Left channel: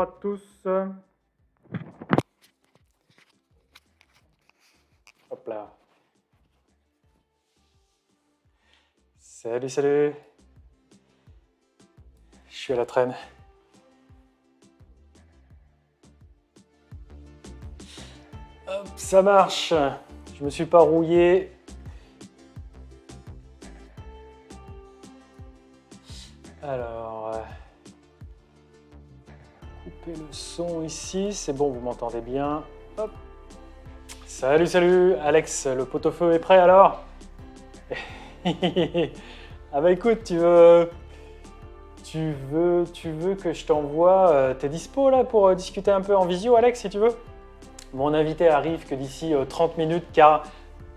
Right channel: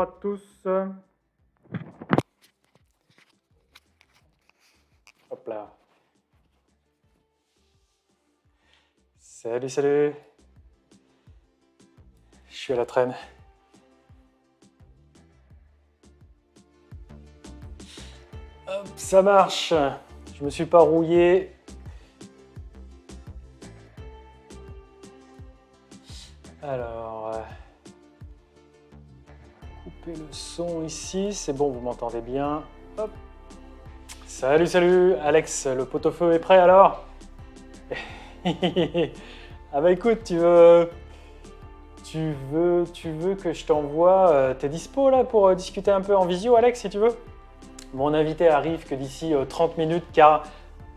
bonjour à tous. Hop là. Salut, salut. Je suis à la traîne. Hop, ça marche. Je me suis pas rouillé. Alors, couper le son ici. C'est bon, vous m'entendez bien. Hop. Salut, salut. Alex, le pot-au-feu est prêt alors? Ah bah écoute, tu veux que je t'envoie. T'es dispo là pour discuter un peu en visio, Alex, si tu veux? Mon invité arrive que d'ici 30 minutes,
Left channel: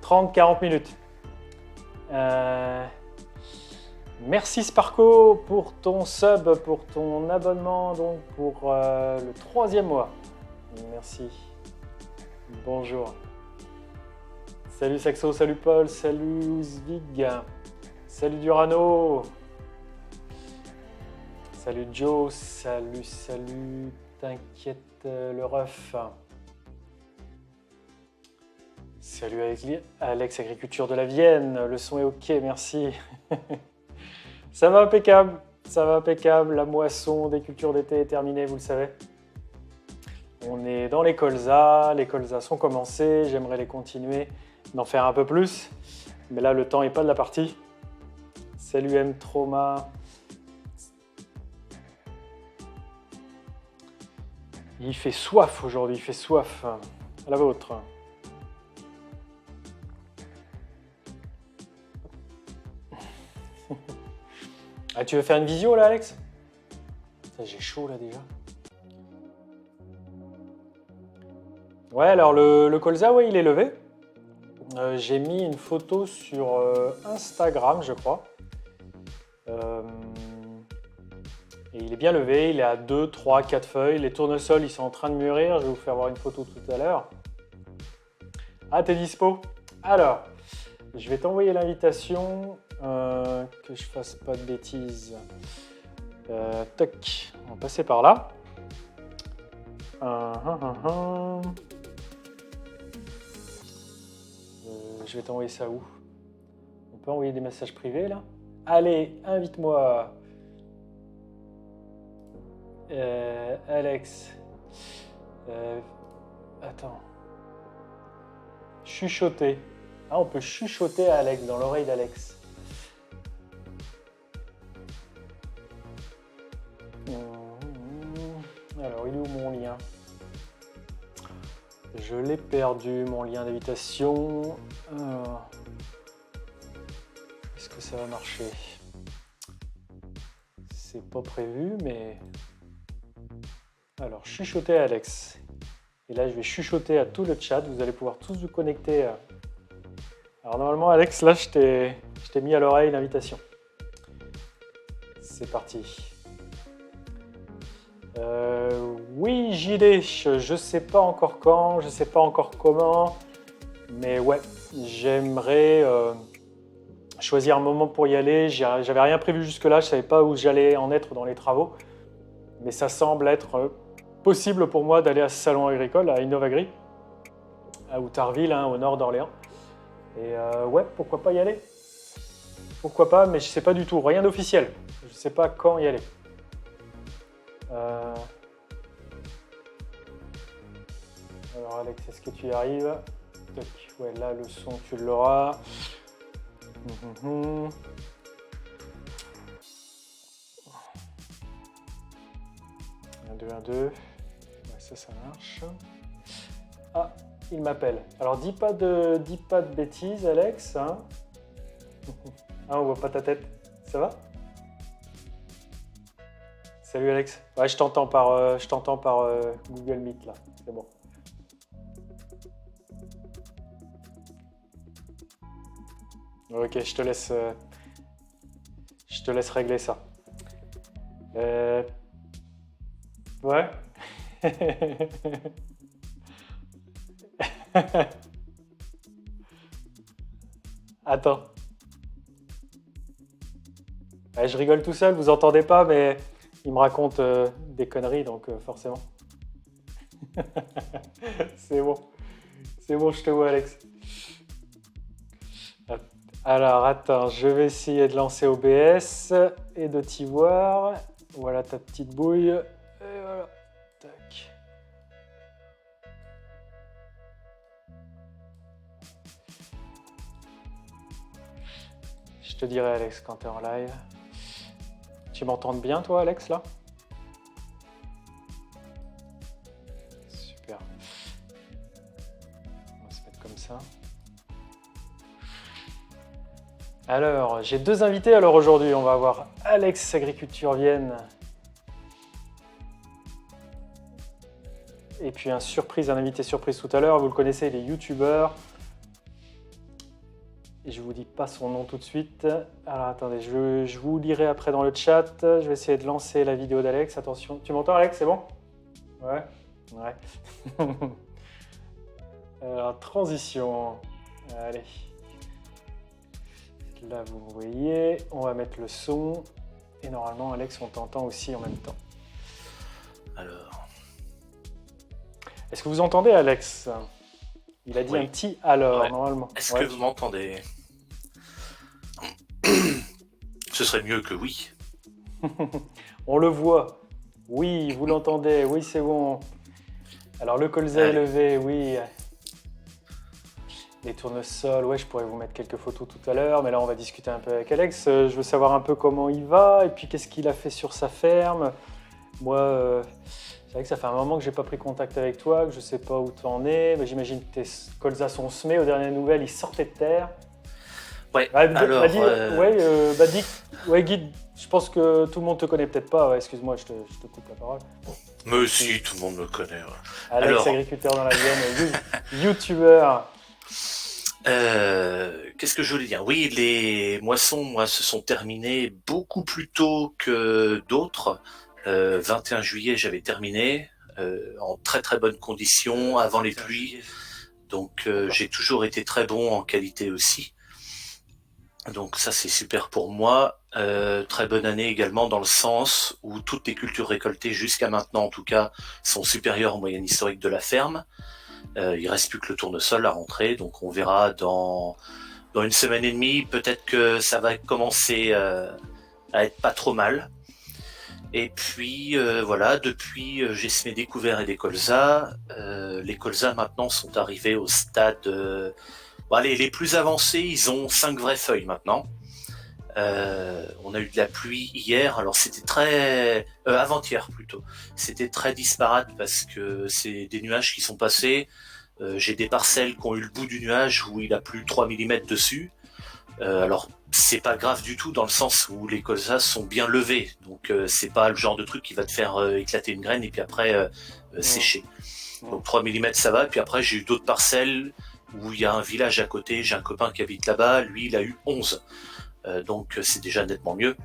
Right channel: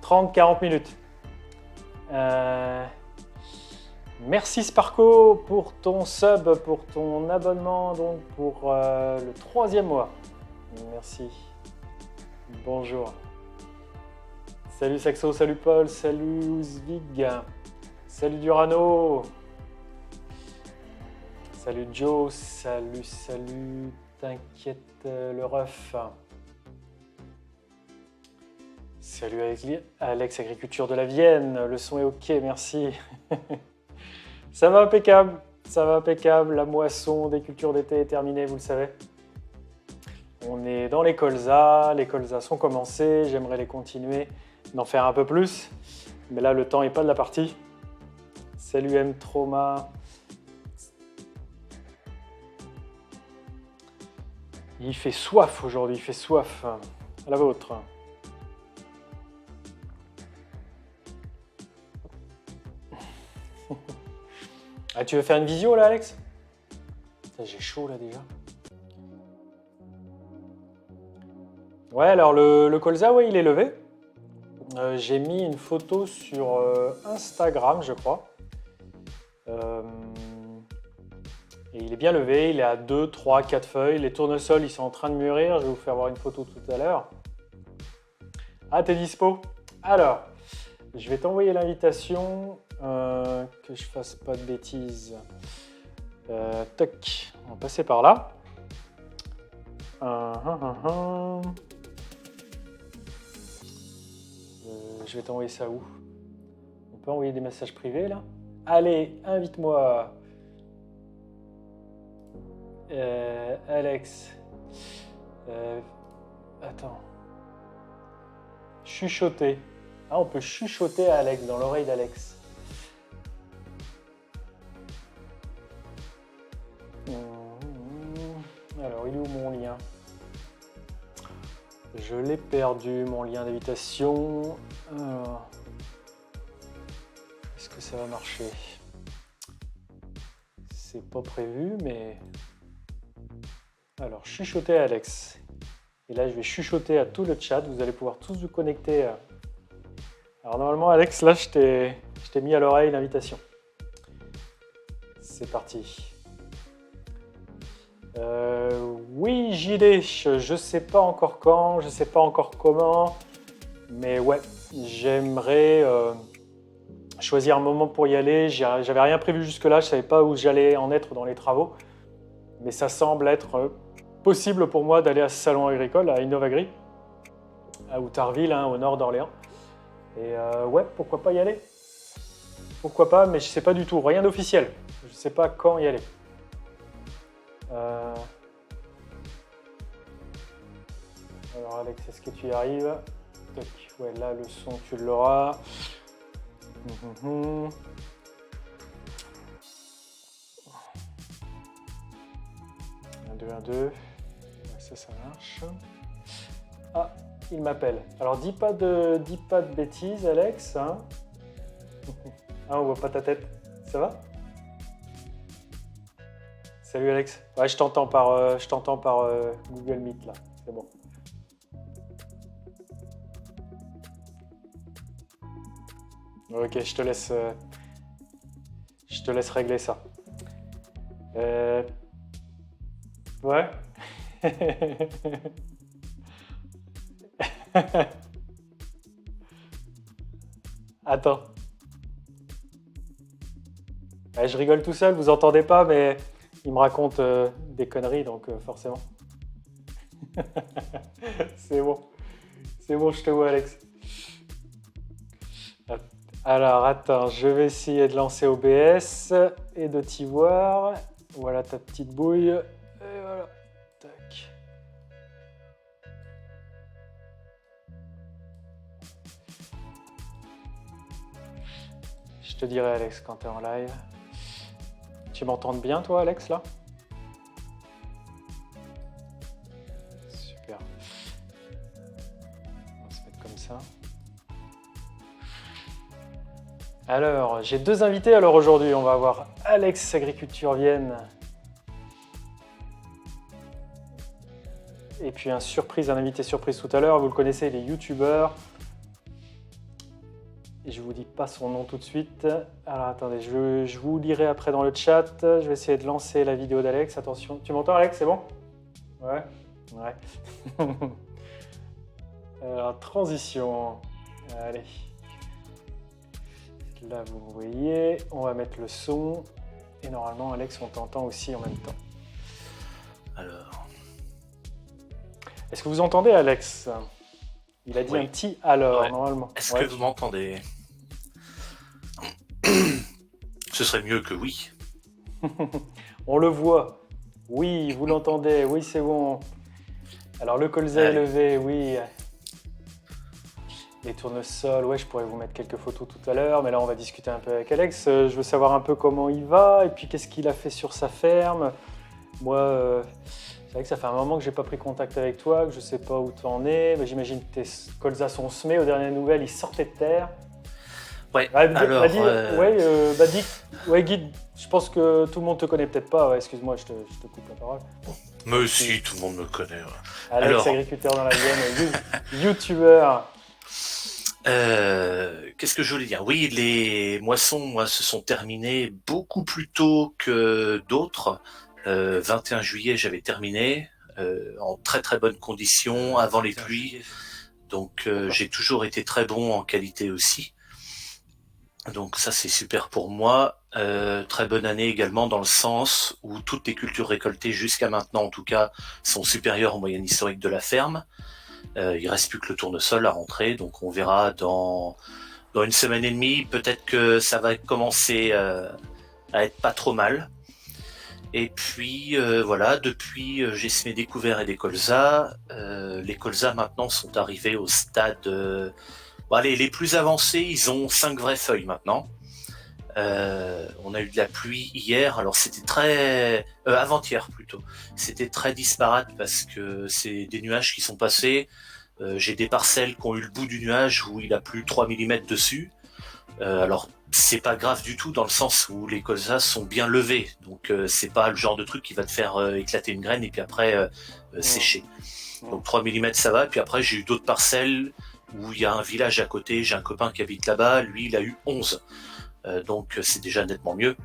30-40 minutes. Merci Sparko pour ton sub, pour ton abonnement, donc pour le 3e mois. Merci. Bonjour. Salut Saxo, salut Paul, salut Ouzvig, salut Durano, salut Joe, salut, t'inquiète le ref. Salut Alex, Agriculture de la Vienne, le son est ok, merci. Ça va impeccable, la moisson des cultures d'été est terminée, vous le savez. On est dans les colzas sont commencées, j'aimerais les continuer, d'en faire un peu plus, mais là le temps n'est pas de la partie. Salut M Trauma. Il fait soif aujourd'hui, il fait soif. À la vôtre. Ah, tu veux faire une visio là, Alex? J'ai chaud là déjà. Ouais, alors le colza, ouais, il est levé. J'ai mis une photo sur Instagram, je crois. Et il est bien levé, il est à 2, 3, 4 feuilles. Les tournesols, ils sont en train de mûrir. Je vais vous faire voir une photo tout à l'heure. Ah, t'es dispo? Alors, je vais t'envoyer l'invitation. Que je fasse pas de bêtises. Toc, on va passer par là. Je vais t'envoyer ça où? On peut envoyer des messages privés là? Allez, invite-moi. Alex. Attends. Chuchoter. Ah, on peut chuchoter à Alex, dans l'oreille d'Alex. Alors, il est où mon lien? Je l'ai perdu, mon lien d'invitation. Alors, est-ce que ça va marcher? C'est pas prévu, mais... Alors, chuchoter à Alex. Et là, je vais chuchoter à tout le chat. Vous allez pouvoir tous vous connecter. Alors, normalement, Alex, là, je t'ai mis à l'oreille l'invitation. C'est parti. Oui, JD, je sais pas encore quand, je sais pas encore comment, mais ouais, j'aimerais choisir un moment pour y aller. J'avais rien prévu jusque-là, je savais pas où j'allais en être dans les travaux, mais ça semble être possible pour moi d'aller à ce salon agricole, à Innovagri, à Outarville, hein, au nord d'Orléans. Et ouais, pourquoi pas y aller? Pourquoi pas, mais je sais pas du tout, rien d'officiel. Je sais pas quand y aller. Alors Alex, est-ce que tu y arrives? Toc. Ouais, là le son tu l'auras. 1, 2, 1, 2. Ouais, ça marche. Ah, il m'appelle. Alors dis pas de bêtises, Alex. Hein. Ah, on voit pas ta tête. Ça va? Salut Alex. Ouais, je t'entends par Google Meet là. C'est bon. Ok, je te laisse régler ça. Ouais. Attends. Ouais, je rigole tout seul, vous entendez pas, mais il me raconte des conneries, donc forcément. C'est bon. C'est bon, je te vois, Alex. Alors, attends, je vais essayer de lancer OBS et de t'y voir. Voilà ta petite bouille. Et voilà. Tac. Je te dirai, Alex, quand tu es en live. Tu m'entends bien, toi, Alex, là? Super. On va se mettre comme ça. Alors, j'ai deux invités alors aujourd'hui. On va avoir Alex Agriculture Vienne. Et puis un invité surprise tout à l'heure. Vous le connaissez, il est youtubeur. Et je vous dis pas son nom tout de suite. Alors attendez, je vous lirai après dans le chat. Je vais essayer de lancer la vidéo d'Alex. Attention, tu m'entends, Alex? C'est bon? Ouais. Ouais. Alors, transition. Allez. Là, vous voyez, on va mettre le son. Et normalement, Alex, on t'entend aussi en même temps. Alors. Est-ce que vous entendez, Alex? Il a dit un petit alors, ouais. Normalement. Est-ce que vous m'entendez? Ce serait mieux que oui. On le voit. Oui, vous l'entendez. Oui, c'est bon. Alors, le colza est levé, oui. Les tournesols, ouais, je pourrais vous mettre quelques photos tout à l'heure, mais là, on va discuter un peu avec Alex. Je veux savoir un peu comment il va et puis qu'est-ce qu'il a fait sur sa ferme. Moi, c'est vrai que ça fait un moment que j'ai pas pris contact avec toi, que je sais pas où tu en es. Mais j'imagine que tes colzas sont semés. Aux dernières nouvelles, ils sortaient de terre. Ouais. Guide, je pense que tout le monde te connaît peut-être pas. Ouais, excuse-moi, je te coupe la parole. Mais si, tout le monde me connaît. Ouais. Alex, agriculteur dans la Vienne, youtubeur. Qu'est-ce que je voulais dire? Oui, les moissons, moi, se sont terminées beaucoup plus tôt que d'autres. 21 juillet, j'avais terminé en très très bonnes conditions avant les pluies. Donc j'ai toujours été très bon en qualité aussi. Donc ça c'est super pour moi. Très bonne année également dans le sens où toutes les cultures récoltées jusqu'à maintenant en tout cas sont supérieures aux moyennes historiques de la ferme. Il reste plus que le tournesol à rentrer, donc on verra dans une semaine et demie, peut-être que ça va commencer à être pas trop mal. Et puis voilà, depuis j'ai semé des couverts et des colzas. Les colzas maintenant sont arrivés au stade... les plus avancés, ils ont 5 vraies feuilles maintenant. On a eu de la pluie hier, alors c'était très... avant-hier plutôt. C'était très disparate parce que c'est des nuages qui sont passés. J'ai des parcelles qui ont eu le bout du nuage où il a plu 3 mm dessus. Alors c'est pas grave du tout dans le sens où les colzas sont bien levés. Donc c'est pas le genre de truc qui va te faire éclater une graine et puis après sécher. Donc 3 mm ça va. Puis après j'ai eu d'autres parcelles où il y a un village à côté. J'ai un copain qui habite là-bas. Lui il a eu 11. Donc c'est déjà nettement mieux.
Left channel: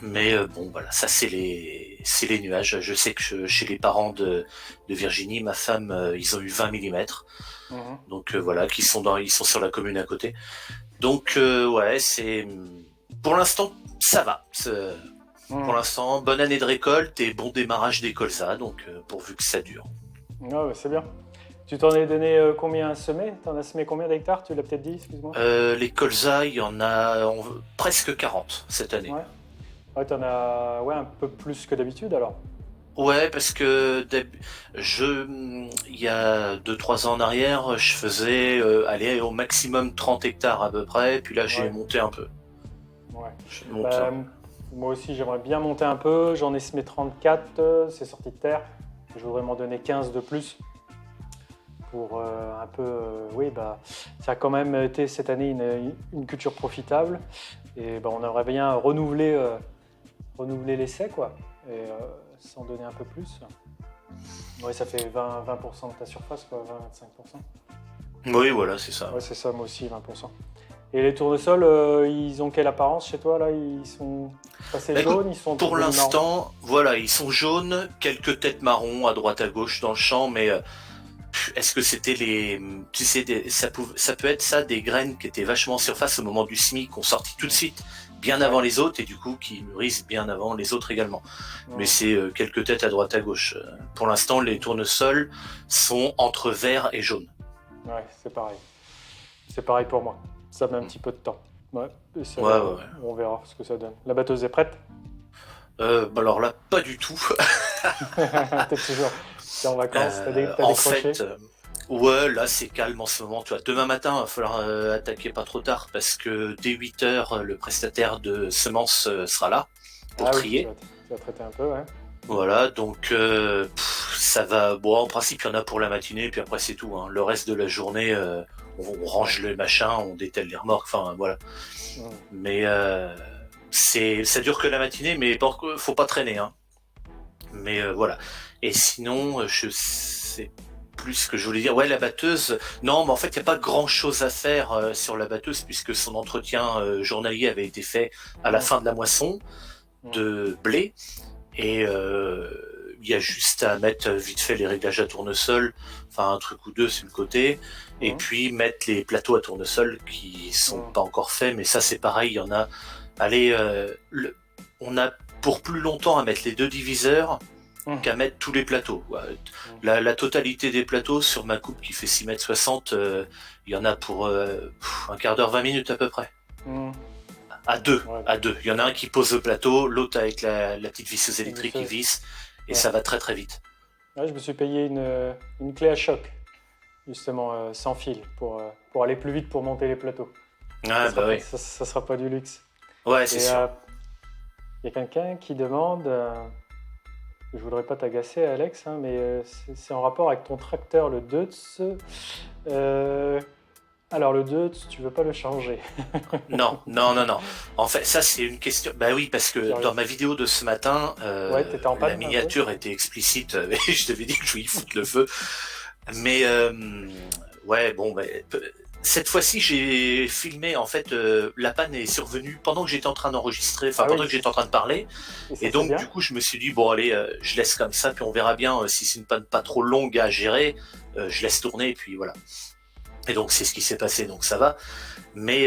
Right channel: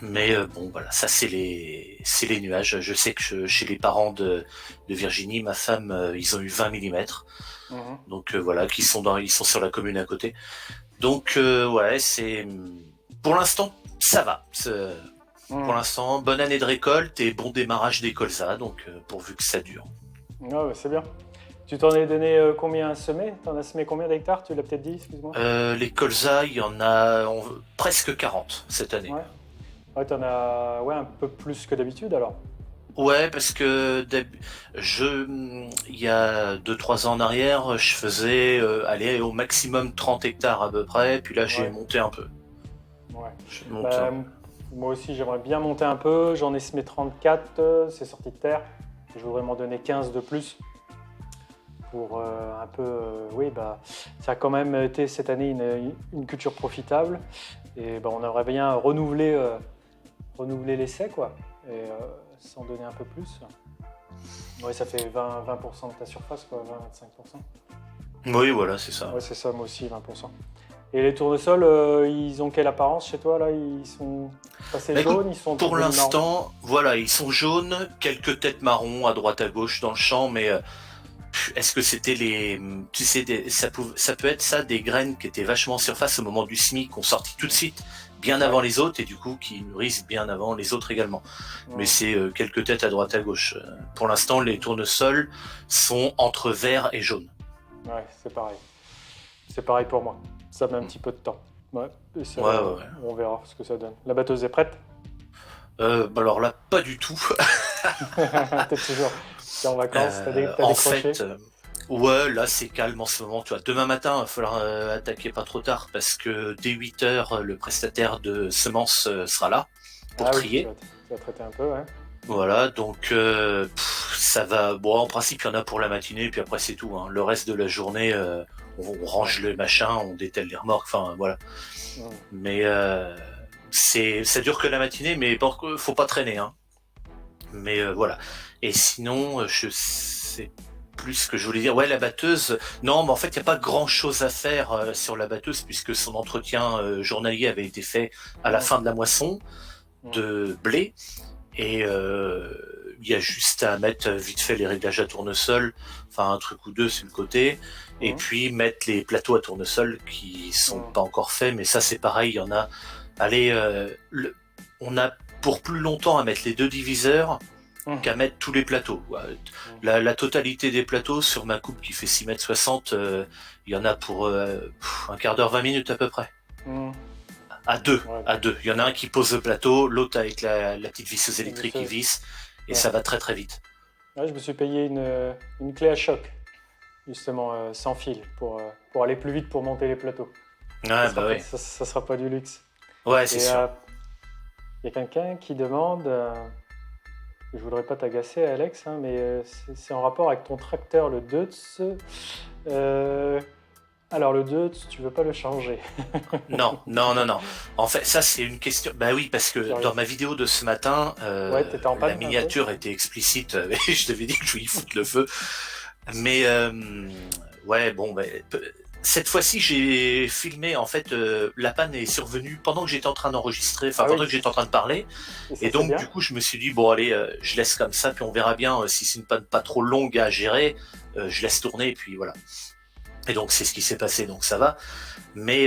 Mais bon voilà, ça c'est les nuages. Je sais que chez les parents de Virginie, ma femme, ils ont eu 20 mm. Donc voilà, ils sont sur la commune à côté. Donc ouais, c'est pour l'instant ça va. Pour l'instant, bonne année de récolte et bon démarrage des colzas, donc pourvu que ça dure. Ah ouais, c'est bien. Tu t'en es donné combien à semer? T'en as semé combien d'hectares? Tu l'as peut-être dit, excuse-moi. Les colzas, il y en a presque 40 cette année. Ouais, t'en as un peu plus que d'habitude alors. Ouais, parce que il y a 2-3 ans en arrière, je faisais aller au maximum 30 hectares à peu près, puis là j'ai monté un peu. Ouais. Moi aussi j'aimerais bien monter un peu, j'en ai semé 34, c'est sorti de terre. Je voudrais m'en donner 15 de plus pour un peu... ça a quand même été cette année une culture profitable et on aimerait bien renouveler l'essai quoi. Et s'en donner un peu plus. Ouais, ça fait 20% de ta surface, quoi, 20-25%. Oui, voilà, c'est ça. Ouais, c'est ça, moi aussi, 20%. Et les tournesols, ils ont quelle apparence chez toi là? Ils sont passés jaunes, ils sont pour l'instant, voilà, ils sont jaunes, quelques têtes marron à droite à gauche dans le champ, mais est-ce que c'était ça peut être ça des graines qui étaient vachement en surface au moment du semis, qu'on sortit tout de suite. bien avant les autres et du coup qui mûrissent bien avant les autres également. Mais c'est quelques têtes à droite à gauche. Pour l'instant, les tournesols sont entre vert et jaune. Ouais, c'est pareil. C'est pareil pour moi. Ça met un petit peu de temps. Ouais, et ça, on verra ce que ça donne. La batteuse est prête? Alors là, pas du tout. T'es en vacances, t'as décroché? Ouais, là c'est calme en ce moment. Tu vois, demain matin, il va falloir attaquer pas trop tard parce que dès 8h, le prestataire de semences sera là pour trier. Oui, tu vas traiter un peu, ouais. Voilà, donc ça va. Bon, en principe, il y en a pour la matinée, puis après c'est tout. Hein. Le reste de la journée, on range le machin, on dételle les remorques, enfin voilà. Mais ça dure que la matinée, mais faut pas traîner. Hein. Mais voilà. Et sinon, je sais plus ce que je voulais dire. Ouais, la batteuse. Non, mais en fait, il n'y a pas grand-chose à faire sur la batteuse puisque son entretien journalier avait été fait à la fin de la moisson de blé. Et il y a juste à mettre vite fait les réglages à tournesol, enfin un truc ou deux sur le côté, et puis mettre les plateaux à tournesol qui sont pas encore faits, mais ça c'est pareil, il y en a. Allez, on a pour plus longtemps à mettre les 2 diviseurs qu'à mettre tous les plateaux. La totalité des plateaux sur ma coupe qui fait 6,60 m, il y en a pour un quart d'heure, 20 minutes à peu près. À deux. Il y en a un qui pose le plateau, l'autre avec la petite visseuse électrique qui visse, et ça va très très vite. Ouais, je me suis payé une clé à choc, justement, sans fil, pour aller plus vite pour monter les plateaux. Ça sera pas du luxe. Ouais, c'est sûr. Il y a quelqu'un qui demande, je voudrais pas t'agacer Alex, hein, mais c'est en rapport avec ton tracteur, le Deutz. Alors le Deutz, tu veux pas le changer? Non. En fait, ça c'est une question. Bah oui, parce que dans ma vidéo de ce matin, t'étais en panne, la miniature était explicite. Je t'avais dit que je voulais foutre le feu. Mais ouais, bon, cette fois-ci j'ai filmé. En fait, la panne est survenue pendant que j'étais en train d'enregistrer, pendant que j'étais en train de parler. Et donc du coup, je me suis dit bon allez, je laisse comme ça, puis on verra bien si c'est une panne pas trop longue à gérer. Je laisse tourner et puis voilà. Et donc c'est ce qui s'est passé, donc ça va. Mais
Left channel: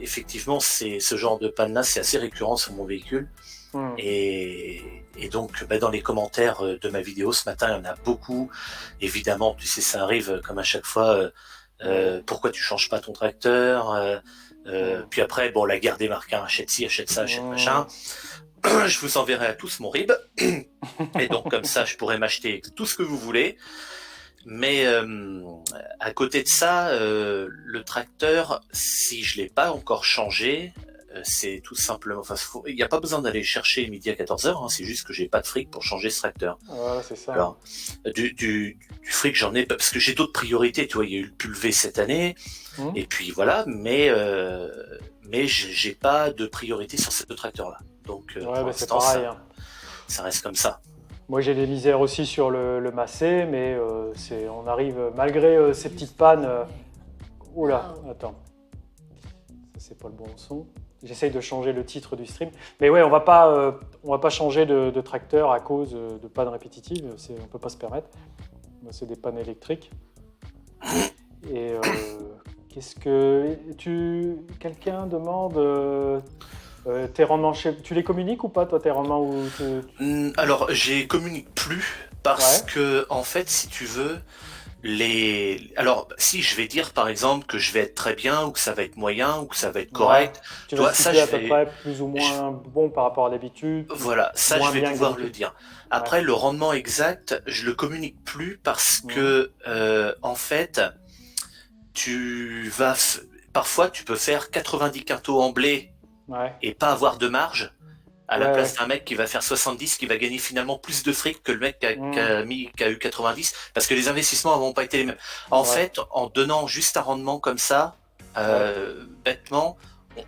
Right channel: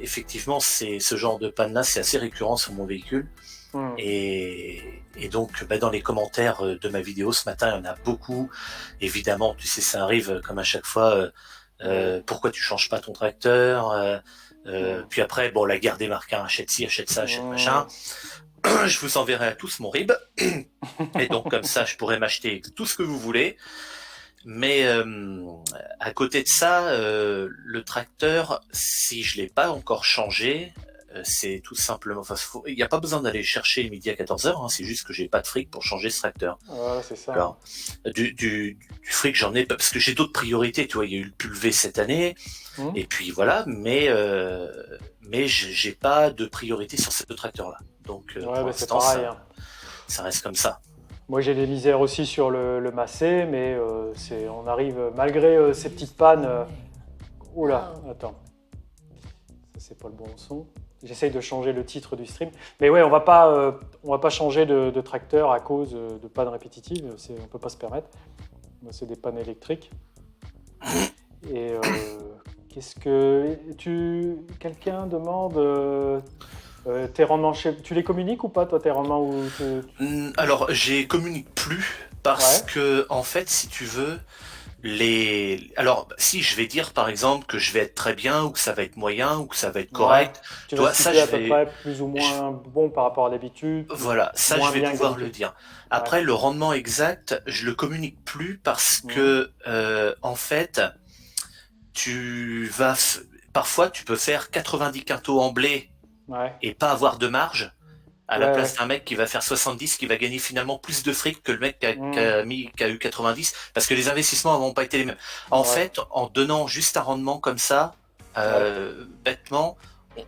effectivement, ce genre de panne-là, c'est assez récurrent sur mon véhicule. Et donc dans les commentaires de ma vidéo ce matin, il y en a beaucoup. Évidemment, tu sais, ça arrive comme à chaque fois. Pourquoi tu changes pas ton tracteur? Puis après, bon, la guerre des marques, hein, achète ci, achète ça, achète machin. Je vous enverrai à tous mon RIB. Et donc comme ça, je pourrai m'acheter tout ce que vous voulez. Mais à côté de ça, le tracteur, si je l'ai pas encore changé, c'est tout simplement. Il n'y a pas besoin d'aller chercher le midi à 14h, hein, c'est juste que j'ai pas de fric pour changer ce tracteur. Voilà, c'est ça. Alors, du fric, j'en ai pas, parce que j'ai d'autres priorités. Tu vois, il y a eu le pulvé cette année, et puis voilà, mais j'ai pas de priorité sur ces 2 tracteurs-là. Donc, c'est pareil. Ça reste comme ça. Moi, j'ai des misères aussi sur le Massey, mais on arrive, malgré ces petites pannes... Oula, attends. Ça, c'est pas le bon son. J'essaye de changer le titre du stream. Mais ouais, on va pas changer de tracteur à cause de pannes répétitives. On peut pas se permettre. C'est des pannes électriques. Et quelqu'un demande... tes rendements, tu les communiques ou pas, toi, tes rendements Alors, je les communique plus parce que, en fait, si tu veux, alors, si je vais dire, par exemple, que je vais être très bien ou que ça va être moyen ou que ça va être correct, tu vas situer à peu près plus ou moins bon par rapport à d'habitude. Voilà, ça, je vais pouvoir le dire. Après, le rendement exact, je le communique plus parce que, en fait, parfois, tu peux faire 90 quintaux en blé et pas avoir de marge à la place d'un mec qui va faire 70, qui va gagner finalement plus de fric que le mec qui a eu 90, parce que les investissements n'ont pas été les mêmes. En fait, en donnant juste un rendement comme ça, bêtement,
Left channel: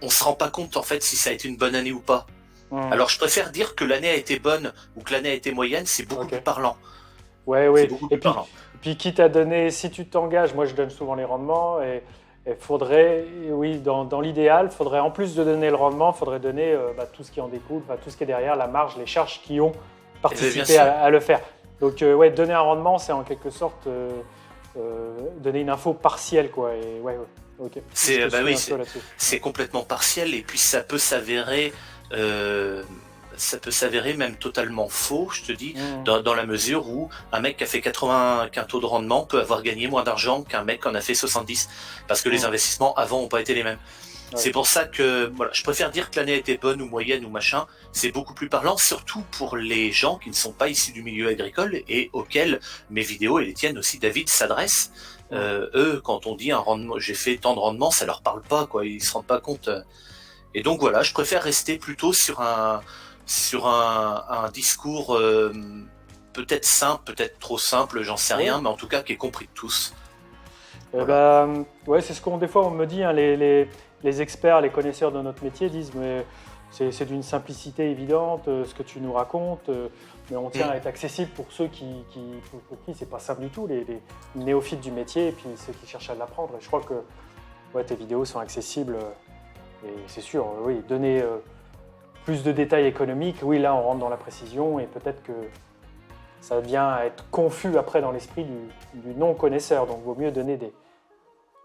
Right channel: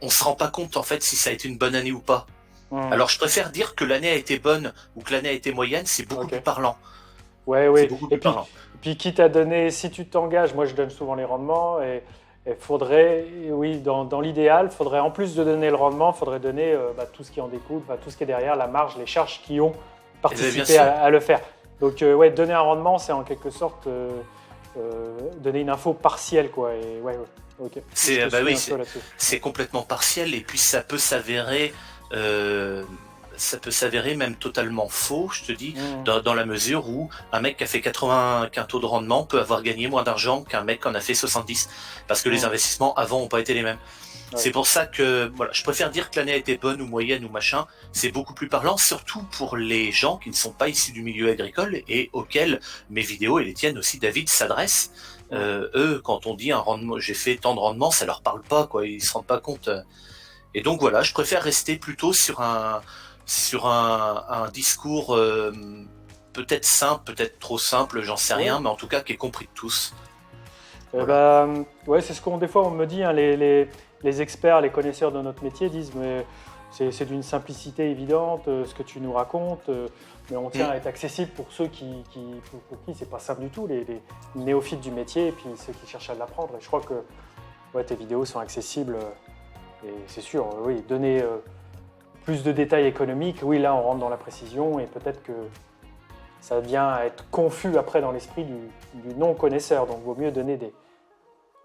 on se rend pas compte en fait si ça a été une bonne année ou pas. Alors je préfère dire que l'année a été bonne ou que l'année a été moyenne, c'est beaucoup plus parlant. Et puis quitte à donner, si tu t'engages, moi je donne souvent les rendements et faudrait, dans l'idéal, faudrait en plus de donner le rendement, faudrait donner tout ce qui en découle, tout ce qui est derrière, la marge, les charges qui ont participé à le faire. Donc donner un rendement, c'est en quelque sorte donner une info partielle, quoi. Et Ok. C'est Je te bah suis oui, un peu là-dessus. c'est complètement partiel et puis euh, ça peut s'avérer même totalement faux, je te dis, Mhm. dans la mesure où un mec qui a fait 80 quintaux de rendement peut avoir gagné moins d'argent qu'un mec qui en a fait 70 parce que les Mhm. investissements avant ont pas été les mêmes. Ouais. C'est pour ça que voilà, je préfère dire que l'année a été bonne ou moyenne ou machin. C'est beaucoup plus parlant, surtout pour les gens qui ne sont pas issus du milieu agricole et auxquels mes vidéos et les tiennes aussi, David, s'adressent. Mhm. Eux, quand on dit un rendement, j'ai fait tant de rendement, ça leur parle pas, quoi. Ils se rendent pas compte. Et donc voilà, je préfère rester plutôt sur un discours peut-être simple, peut-être trop simple, j'en sais Ouais. rien, mais en tout cas qui est compris de tous. Eh Voilà. ben, ouais, c'est ce qu'on des fois on me dit, hein, les experts, les connaisseurs de notre métier disent, mais c'est d'une simplicité évidente ce que tu nous racontes, mais on tient Mm. à être accessible pour ceux pour qui c'est pas simple du tout, les néophytes du métier et puis ceux qui cherchent à l'apprendre. Et je crois que ouais, tes vidéos sont accessibles et c'est sûr, oui, donner plus de détails économiques, oui, là on rentre dans la précision et peut-être que ça vient à être confus après dans l'esprit du non-connaisseur. Donc, il vaut mieux donner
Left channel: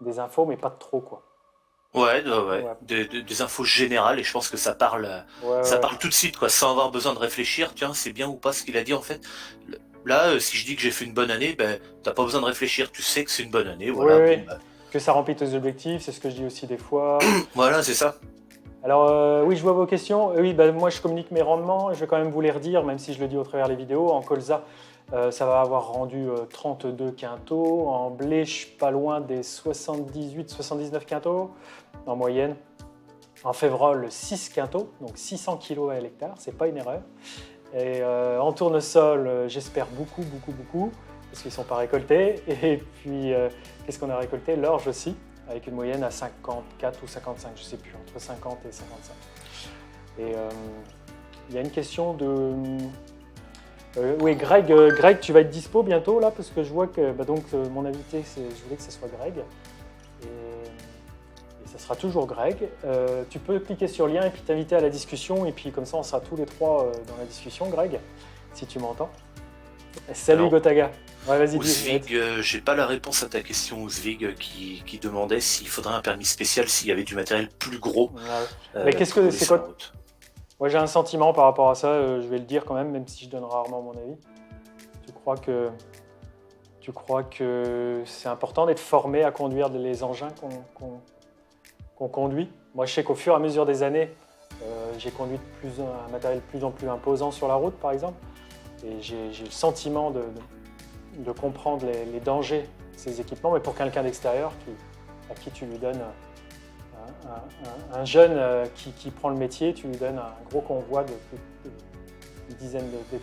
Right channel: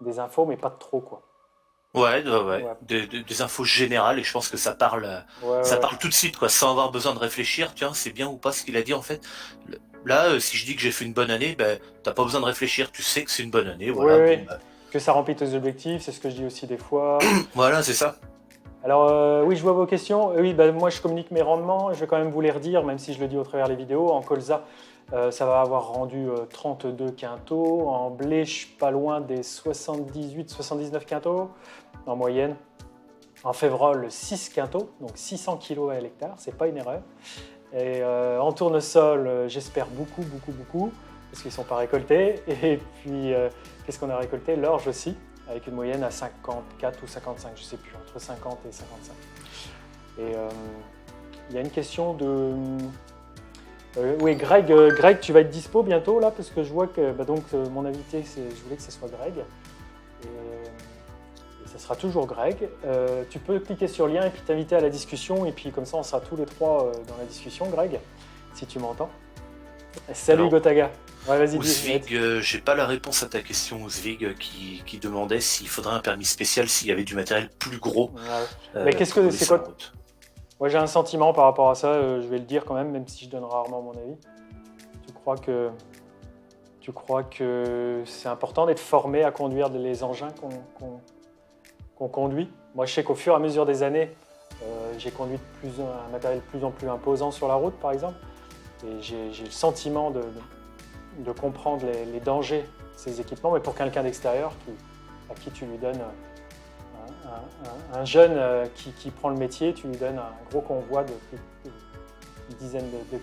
des infos, mais pas de trop, quoi. Ouais, ouais. Ouais, Des infos générales et je pense que ouais, ça ouais. parle tout de suite, quoi, sans avoir besoin de réfléchir. Tiens, c'est bien ou pas ce qu'il a dit en fait. Là, si je dis que j'ai fait une bonne année, ben t'as pas besoin de réfléchir. Tu sais que c'est une bonne année, Oui, voilà. Bon, oui. ben, Que ça remplit tes objectifs, c'est ce que je dis aussi des fois. voilà, c'est ça. Alors, oui, je vois vos questions. Oui, bah, moi, je communique mes rendements. Je vais quand même vous les redire, même si je le dis au travers des vidéos. En colza, ça va avoir rendu 32 quintaux. En blé, je suis pas loin des 78-79 quintaux en moyenne. En févrole, 6 quintaux, donc 600 kilos à l'hectare, c'est pas une erreur. Et en tournesol, j'espère beaucoup, beaucoup, beaucoup, parce qu'ils ne sont pas récoltés. Et puis, qu'est-ce qu'on a récolté? L'orge aussi, avec une moyenne à 54 ou 55, je ne sais plus, entre 50 et 55. Et il y a une question de... oui, Greg, Greg, tu vas être dispo bientôt, là, parce que je vois que bah, donc, mon invité, je voulais que ce soit Greg. Et ça sera toujours Greg. Tu peux cliquer sur le lien et puis t'inviter à la discussion. Et puis comme ça, on sera tous les trois dans la discussion, Greg, si tu m'entends. Salut Alors, Gotaga. Ouais, vas-y, Ouzvig, j'ai pas la réponse à ta question, Ouzvig, qui demandait s'il faudrait un permis spécial s'il y avait du matériel plus gros Ouais. Mais qu'est-ce pour que rouler c'est sur la quoi? route. Moi, j'ai un sentiment par rapport à ça. Je vais le dire quand même si je donne rarement mon avis. Tu crois que, tu crois que c'est important d'être formé à conduire les engins qu'on conduit? Moi, je sais qu'au fur et à mesure des années, j'ai conduit un matériel de plus en plus imposant sur la route, par exemple. Et j'ai le sentiment de comprendre les dangers de ces équipements, mais pour quelqu'un d'extérieur à qui tu lui donnes un jeune qui prend le métier, tu lui donnes un gros convoi de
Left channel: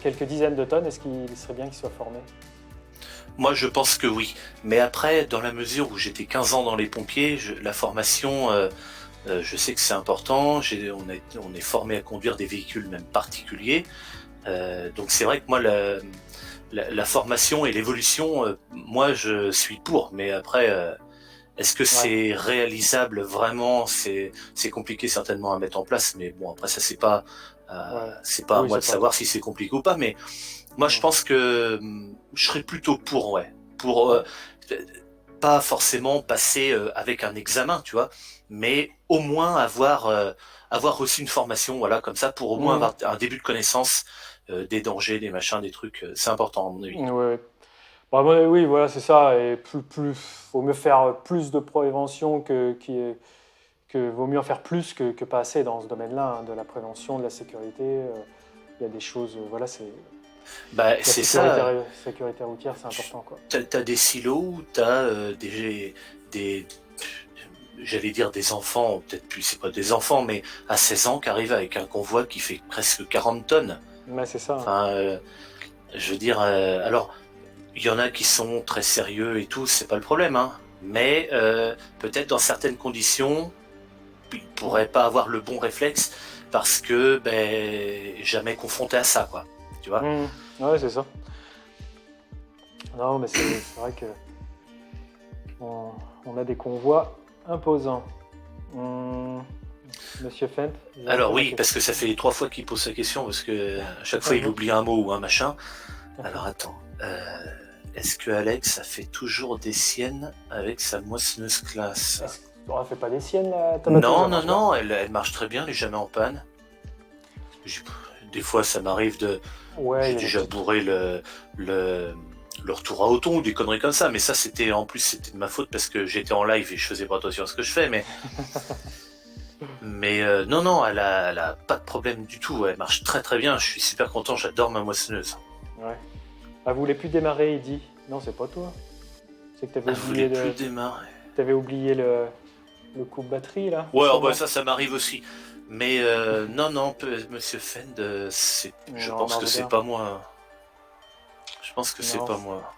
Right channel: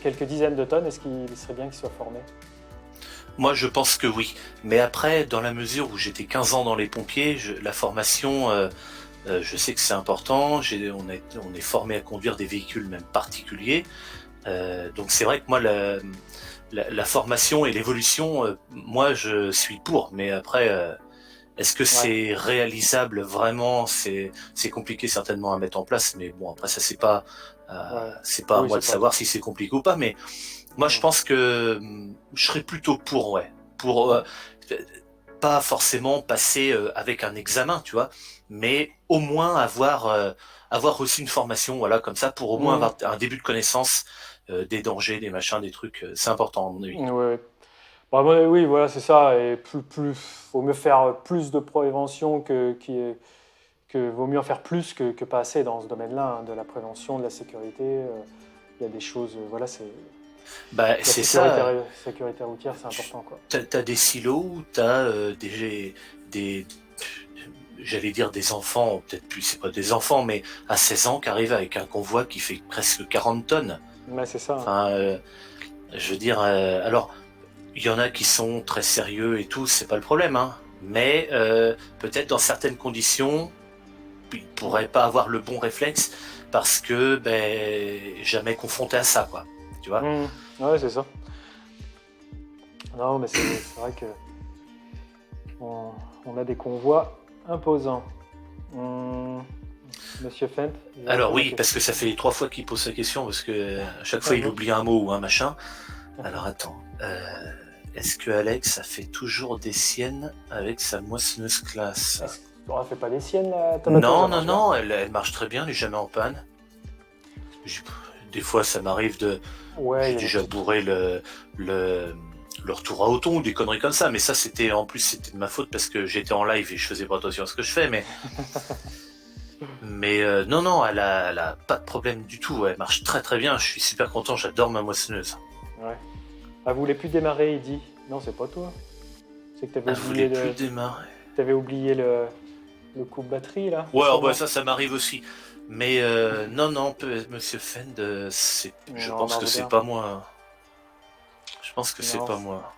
quelques dizaines de tonnes, est-ce qu'il serait bien qu'il soit formé? Moi, je pense que oui. Mais après, dans la mesure où j'étais 15 ans dans les pompiers, la formation, je sais que c'est important. On est formé à conduire des véhicules même particuliers. Donc c'est vrai que moi, la formation et l'évolution, moi, je suis pour. Mais après, est-ce que Ouais, c'est réalisable vraiment? C'est compliqué certainement à mettre en place. Mais bon, après, ça, ouais. c'est pas à Oui, moi c'est de pas savoir toi. si c'est compliqué ou pas. Mais moi, je Mm. pense que je serais plutôt pour, ouais. Pour Ouais, pas forcément passer avec un examen, tu vois, mais au moins avoir reçu une formation, voilà, comme ça, pour au moins mm. avoir un début de connaissance des dangers, des machins, des trucs. C'est important, à mon avis. Ouais, ouais. Bon, oui, voilà, c'est ça. Et vaut mieux faire plus de prévention que vaut mieux en faire plus que pas assez dans ce domaine-là, hein, de la prévention, de la sécurité. Il y a des choses, voilà, c'est Bah, la c'est ça. sécurité routière, c'est important, quoi. T'as des silos où t'as des, j'allais dire des enfants, peut-être plus, c'est pas des enfants, mais à 16 ans qui arrivent avec un convoi qui fait presque 40 tonnes. Mais c'est ça, hein. Enfin, je veux dire, alors, il y en a qui sont très sérieux et tout, c'est pas le problème, hein. Mais peut-être dans certaines conditions, ils Ouais. pourraient pas avoir le bon réflexe parce que ben jamais confronté à ça, quoi. Tu vois? Mm. Ouais, c'est ça. Non, mais c'est vrai que on, on a des convois imposants. Mm. Monsieur Fent, j'ai Alors refait ma oui, parce question. que ça fait 3 fois qu'il pose sa question parce que à chaque fois il oublie un mot ou un machin. Alors attends, est-ce que Alex a fait toujours des siennes avec sa moissonneuse classe? On fait pas des siennes, là, ta batteuse, Non, ça non, marche bien. non, elle marche très bien, elle est jamais en panne. J'ai- Des fois, ça m'arrive de. Ouais, il J'ai y a des déjà petites... bourré le retour à auton ou des conneries comme ça, mais ça, c'était en plus, c'était de ma faute parce que j'étais en live et je faisais pas attention à ce que je fais, mais non, non, elle a pas de problème du tout, elle marche très très bien, je suis super content, j'adore ma moissonneuse. Ouais. Ah, vous voulez plus démarrer, il dit. Non, c'est pas toi. C'est que t'avais Elle voulait oublié, plus démarrer. t'avais oublié le coup de batterie, là. Ouais, oh, bah, sûrement. ça m'arrive aussi. Mais non, non, Monsieur Fend, je Non, pense que marche c'est bien. pas moi. Je pense que c'est Non, pas moi.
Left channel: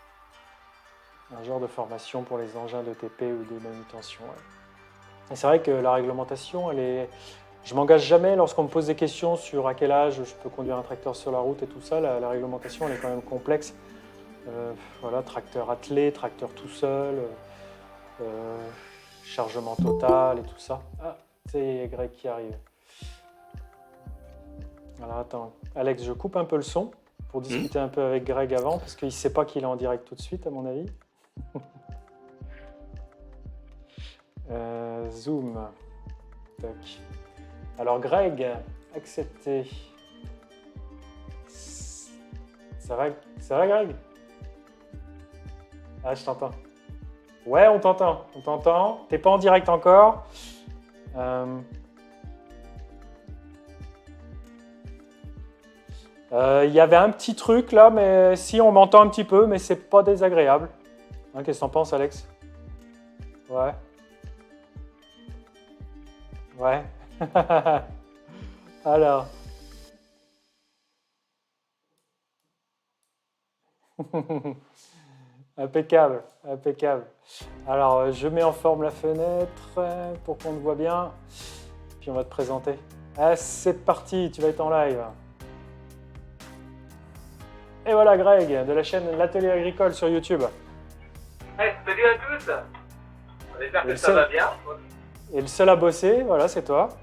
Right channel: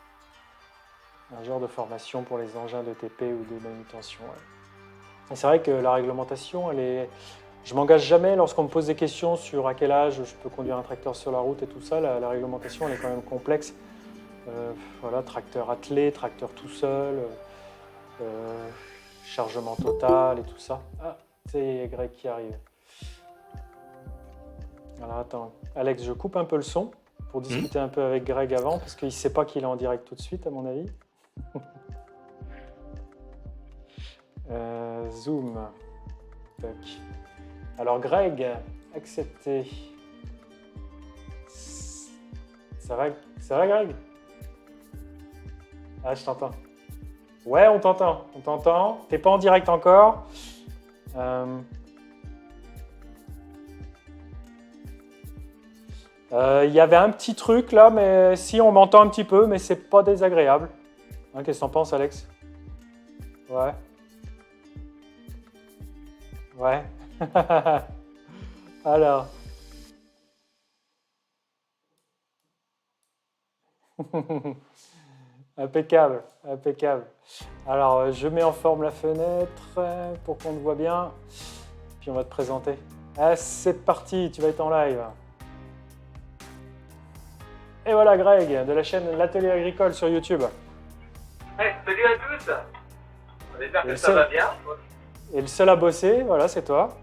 un genre de formation pour les engins de TP ou de manutention. Ouais. Et c'est vrai que la réglementation, elle est... Je m'engage jamais lorsqu'on me pose des questions sur à quel âge je peux conduire un tracteur sur la route et tout ça. La réglementation, elle est quand même complexe. Voilà, tracteur attelé, tracteur tout seul, chargement total et tout ça. Ah, c'est Greg qui arrive. Alors attends, Alex, je coupe un peu le son pour discuter un peu avec Greg avant, parce qu'il ne sait pas qu'il est en direct tout de suite, à mon avis. Zoom. Tac. Alors Greg, accepté. Ça va Greg? Ah, je t'entends. Ouais, on t'entend. T'es pas en direct encore. Il y avait un petit truc là, mais si on m'entend un petit peu, mais c'est pas désagréable. Hein, qu'est-ce que t'en penses, Alex? Ouais. Ouais. Alors. Impeccable, impeccable. Alors, je mets en forme la fenêtre pour qu'on te voit bien. Puis on va te présenter. Ah, c'est parti, tu vas être en live. Et voilà Greg, de la chaîne L'Atelier Agricole sur YouTube. Hey, salut à tous. On espère que ça va bien. Et le seul à bosser, voilà, c'est toi.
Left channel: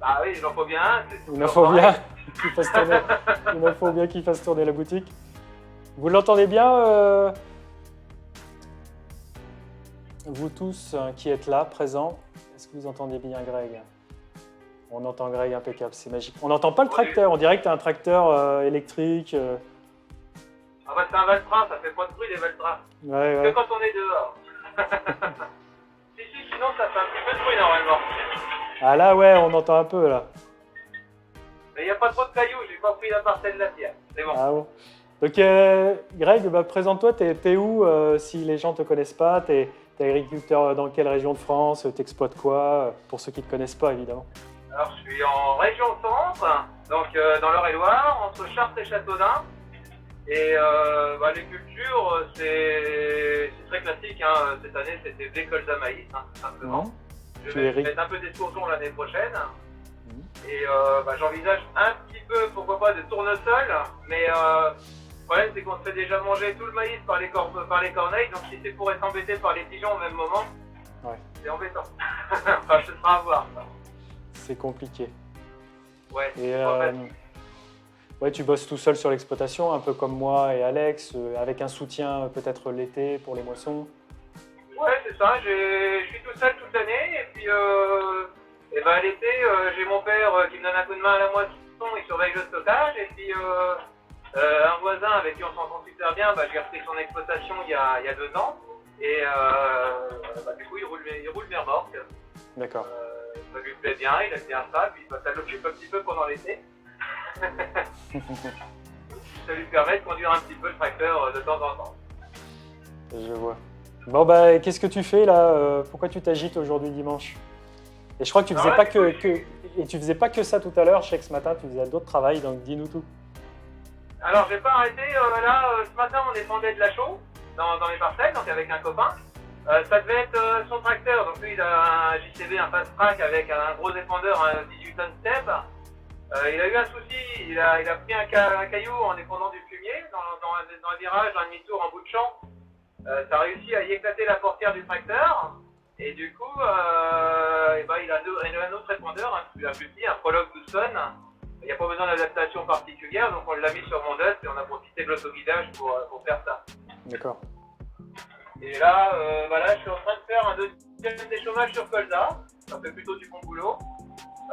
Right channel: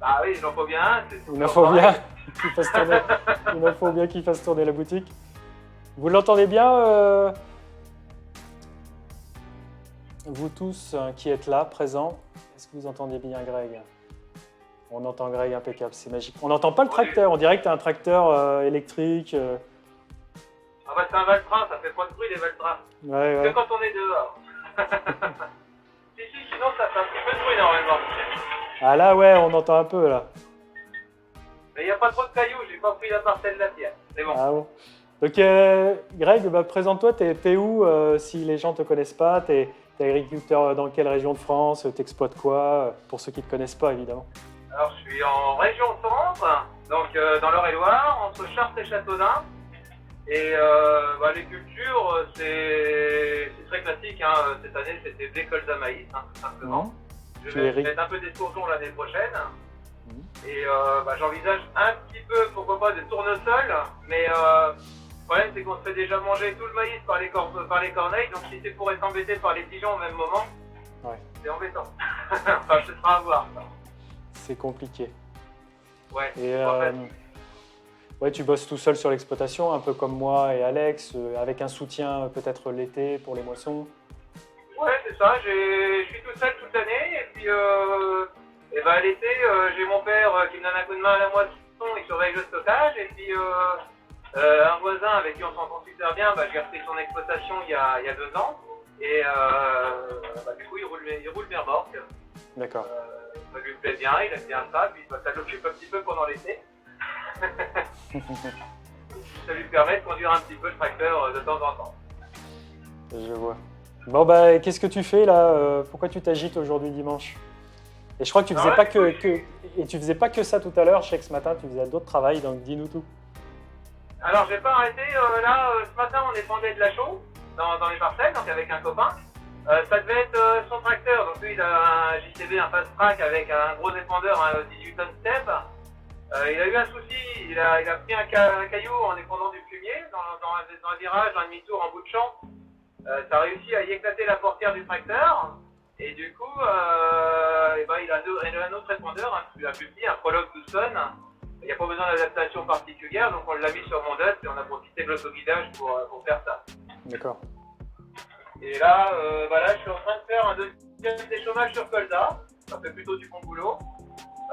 Bah oui, il en faut bien un. Il en faut bien qu'il fasse tourner, il en faut bien qu'il fasse tourner la boutique. Vous l'entendez bien, vous tous qui êtes là, présents? Est-ce que vous entendez bien Greg? On entend Greg, impeccable, c'est magique. On n'entend pas le tracteur, on dirait que tu as un tracteur électrique. Ah bah c'est un Valtra, ça fait pas de bruit les Valtra. Ouais, Que ouais. quand on est dehors. Si, sinon ça fait un petit peu de bruit normalement. Ah là, ouais, on entend un peu là. Mais il n'y a pas trop de cailloux, j'ai pas pris la parcelle de la pierre. C'est bon. Ah bon. Donc Greg, bah, présente-toi, t'es où si les gens te connaissent pas? T'es agriculteur dans quelle région de France? T'exploites quoi? Pour ceux qui ne te connaissent pas, évidemment. Alors je suis en région centre, donc dans l'Eure-et-Loire, entre Chartres et Châteaudun. Et bah, les cultures, c'est très classique. Hein. Cette année, c'était des colza maïs, hein, tout simplement. Je vais mettre un peu d'escourgeon l'année prochaine. Et bah, j'envisage un petit peu, pourquoi pas, des tournesols. Mais le problème, c'est qu'on se fait déjà manger tout le maïs par les corneilles. Donc si c'est pour être embêté par les pigeons au même moment, ouais. C'est embêtant. Enfin, ce sera à voir. C'est compliqué. Ouais. Et ouais, tu bosses tout seul sur l'exploitation, un peu comme moi et Alex, avec un soutien peut-être l'été pour les moissons. Ouais, c'est ça. Je suis tout seul toute l'année. Et puis et ben, l'été, j'ai mon père qui me donne un coup de main à la moisson, il surveille le stockage. Et puis un voisin avec qui on s'entend super bien, bah, j'ai repris son exploitation il y a 2 ans. Et bah, du coup, il roule mes remorques. D'accord. Ça lui plaît bien, il aime bien ça. Puis bah, ça l'occupe un petit peu pendant l'été. Ça lui permet de conduire un petit peu le tracteur de temps en temps. Je vois. Bon bah qu'est-ce que tu fais là? Pourquoi tu t'agites aujourd'hui dimanche? Et je crois que tu faisais tu faisais pas que ça tout à l'heure. Je sais que ce matin tu faisais d'autres travails, donc dis-nous tout. Alors j'ai pas arrêté. Là ce matin on épandait de la chaux dans les parcelles, donc avec un copain. Ça devait être son tracteur. Donc lui il a un JCB, un fast track avec un gros épandeur, un 18 tonnes step. Il a eu un souci, il a pris un caillou en épandant du fumier dans un virage, un demi-tour en bout de champ. Ça a réussi à y éclater la portière du tracteur. Et du coup, ben, il a un autre épandeur, un plus petit, un Prologue 12 tonnes. Il n'y a pas besoin d'adaptation particulière, donc on l'a mis sur mon DOT et on a profité de l'autoguidage pour faire ça. D'accord. Et là, je suis en train de faire un deuxième déchômage sur Colza. Ça fait plutôt du bon boulot.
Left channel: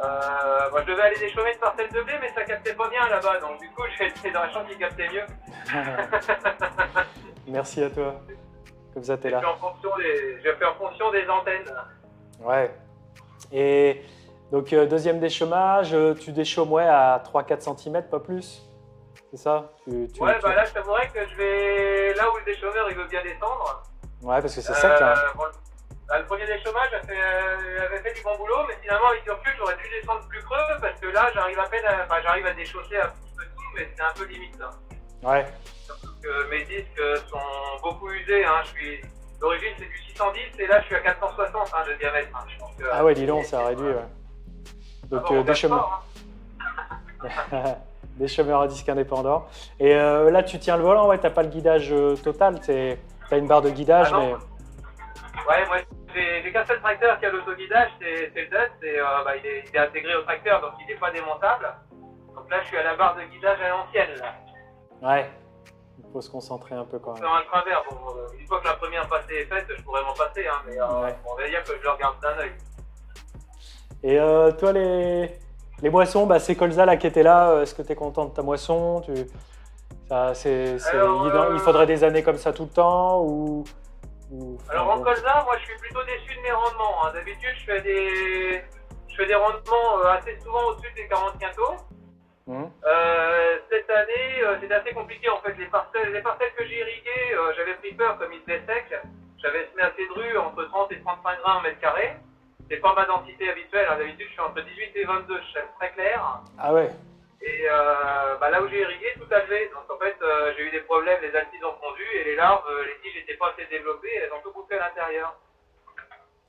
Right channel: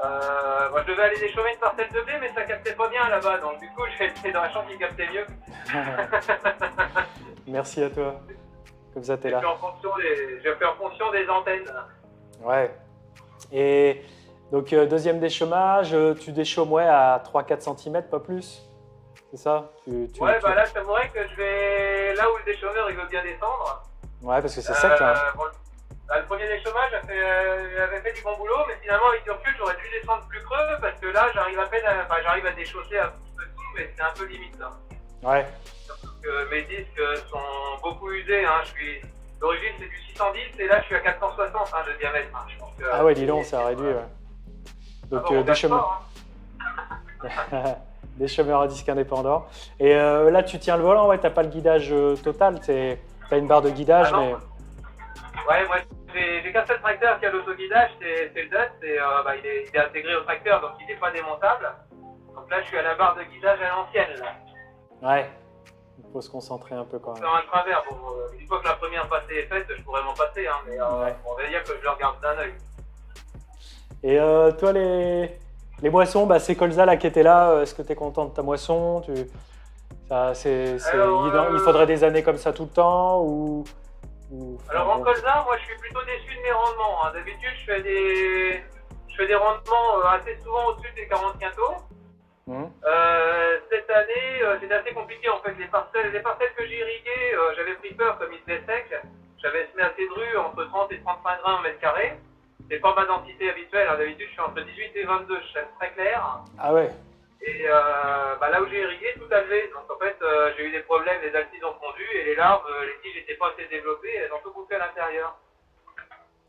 Moi, je devais aller déchômer une parcelle de blé, mais ça captait pas bien là-bas. Donc, du coup, j'ai été dans la chambre qui captait mieux. Merci à toi. Comme ça, t'es là. J'ai fait en fonction des antennes. Ouais. Et donc, deuxième déchômage, tu déchômes à 3-4 cm, pas plus. C'est ça Là, je t'avouerais que je vais là où le déchômeur il veut bien descendre. Ouais, parce que c'est sec là. Bon, le premier déchômage avait fait du bon boulot, mais finalement, avec du recul, j'aurais dû descendre plus creux parce que là, j'arrive à déchausser un petit peu tout, mais c'est un peu limite là. Ouais. Mes disques sont beaucoup usés. Hein. D'origine, c'est du 610 et là, je suis à 460 de diamètre. Hein. Je pense que, ah ouais, dis donc, ça a réduit. Ouais. Donc, déchômeur. Déchômeur à disque indépendant. Et là, tu tiens le volant, ouais, t'as pas le guidage total. T'as une barre de guidage, mais. Ouais, moi, j'ai qu'un seul tracteur qui a l'autoguidage, c'est le DUT. Il est intégré au tracteur, donc il n'est pas démontable. Donc là, je suis à la barre de guidage à l'ancienne. Ouais. Il faut se concentrer un peu quand même. Dans un travers, une fois que la première passée est faite, je pourrais m'en passer, hein, mais on va dire que je le regarde d'un œil. Et toi, les moissons, c'est Colza là qui était là. Est-ce que tu es content de ta moisson? Il faudrait des années comme ça tout le temps Alors en Colza, moi je suis plutôt déçu de mes rendements. Hein. D'habitude, je fais des rendements assez souvent au-dessus des 40 quintaux. Cette année, c'était assez compliqué en fait. Les parcelles que j'ai irriguées, j'avais pris peur comme ils étaient secs. J'avais semé assez dru entre 30 et 35 grains au mètre carré. C'est pas ma densité habituelle. Hein. D'habitude, je suis entre 18 et 22. Je suis très clair. Ah ouais. Et là où j'ai irrigué, tout a levé. Donc en fait, j'ai eu des problèmes. Les altises ont fondu et les larves, les tiges n'étaient pas assez développées. Elles ont tout bouffé à l'intérieur.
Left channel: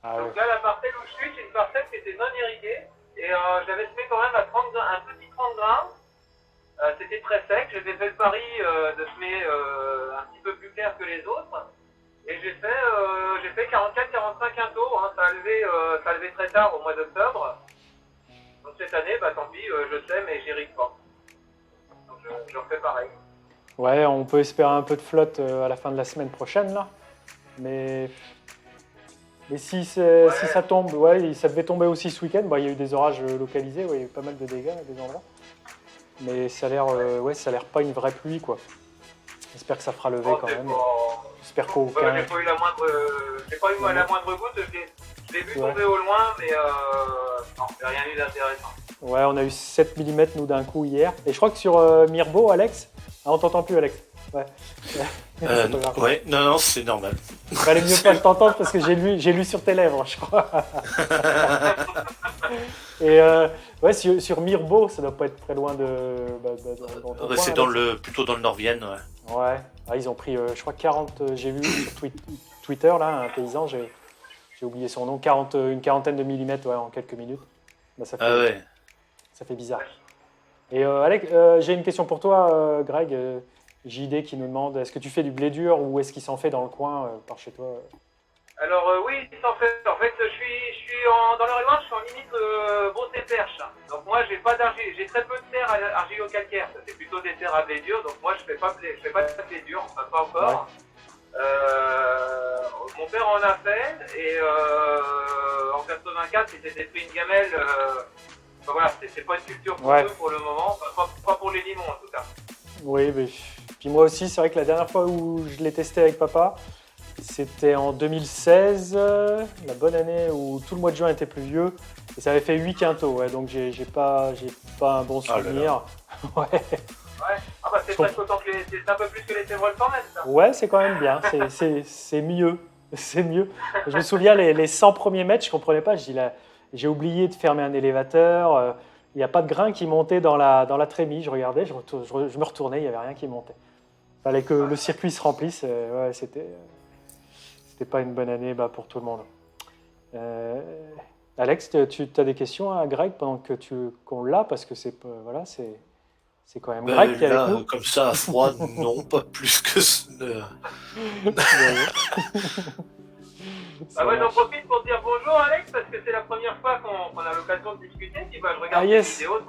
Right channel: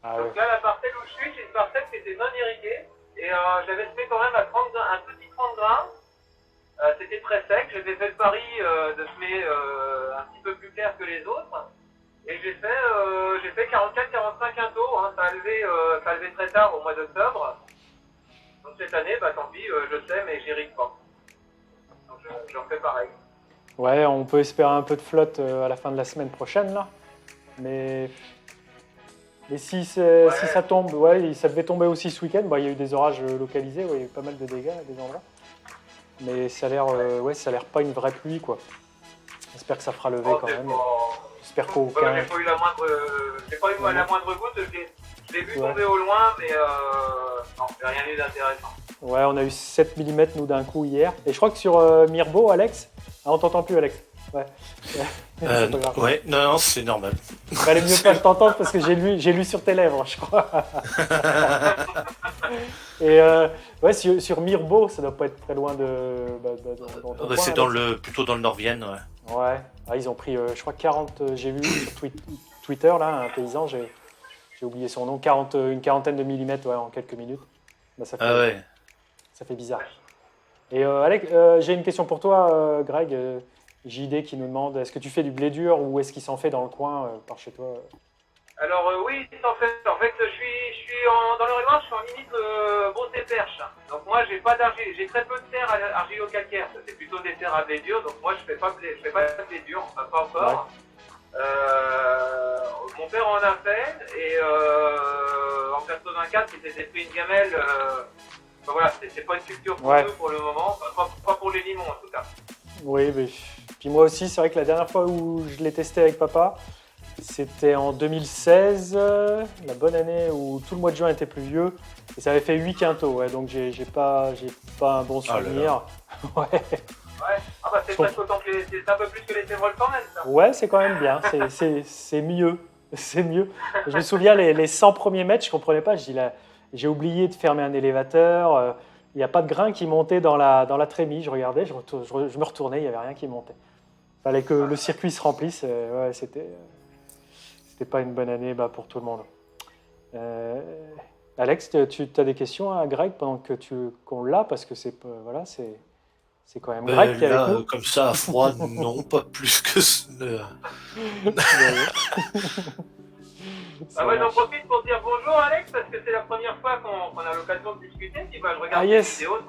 Ah donc là, la parcelle où je suis, c'est une parcelle qui était non irriguée. Et j'avais semé quand même un petit 30 grains. C'était très sec. J'avais fait le pari de semer un petit peu plus clair que les autres. Et j'ai fait 44-45 quintaux. Hein. Ça a levé très tard au mois d'octobre. Donc cette année, tant pis, je sème et j'irrigue pas. Donc je refais pareil. Ouais, on peut espérer un peu de flotte à la fin de la semaine prochaine là. Mais si ça tombe, ça devait tomber aussi ce week-end. Il y a eu des orages localisés, il y a eu pas mal de dégâts à des endroits. Mais ça a l'air pas une vraie pluie quoi. J'espère que ça fera lever quand même. J'espère qu'aucun. J'ai pas eu la moindre goutte. Je l'ai vu tomber au loin, mais non, il n'y a rien eu d'intéressant. Ouais, on a eu 7 mm nous d'un coup hier. Et je crois que sur Mirbeau, Alex. Ah, on t'entend plus, Alex. Ouais. C'est pas grave. Ouais, non, c'est normal. Il valait mieux pas t'entendre parce que j'ai lu sur tes lèvres, je crois. Et sur Mirbeau, ça doit pas être très loin dans ton coin, c'est plutôt dans le Nord-Vienne, ouais. Ouais. Ah, ils ont pris, je crois, 40. J'ai vu sur Twitter, là, un paysan, j'ai oublié son nom, une quarantaine de millimètres en quelques minutes. Ça fait bizarre. Et Alex, j'ai une question pour toi, Greg. JD qui nous demande, est-ce que tu fais du blé dur ou est-ce qu'il s'en fait dans le coin par chez toi? Alors oui, il s'en fait. En fait, je suis dans le Loire, je suis en limite Beauce et Perche. Donc moi, j'ai pas d'argile, j'ai très peu de terre argilo-calcaire. C'est plutôt des terres à blé dur. Donc moi, je fais pas de blé dur, enfin pas encore. Ouais. Mon père en a fait et en 84, il s'était pris une gamelle. Voilà, c'est pas une culture pour eux pour le moment, pas pour les limons en tout cas. Oui, mais puis moi aussi, c'est vrai que la dernière fois où je l'ai testé avec papa, c'était en 2016, la bonne année où tout le mois de juin était pluvieux, et ça avait fait 8 quintaux, donc j'ai pas un bon souvenir. Ouais. C'est presque autant que c'est un peu plus que les Tévrol quand même, ça. Ouais, c'est quand même bien, c'est mieux. C'est mieux. Je me souviens, les 100 premiers mètres, je comprenais pas, j'ai oublié de fermer un élévateur, il n'y a pas de grain qui montait dans la trémie, je regardais, je me retournais, il n'y avait rien qui montait. Il fallait que le circuit se remplisse, c'était pas une bonne année pour tout le monde. Alex, tu as des questions à Greg pendant qu'on l'a, parce que c'est quand même Greg qui est avec nous. Comme ça, à froid, non, pas plus que ça. J'en profite pour dire bonjour Alex, parce que c'est la première fois qu'on a l'occasion de discuter. Puis, je regarde les vidéos, de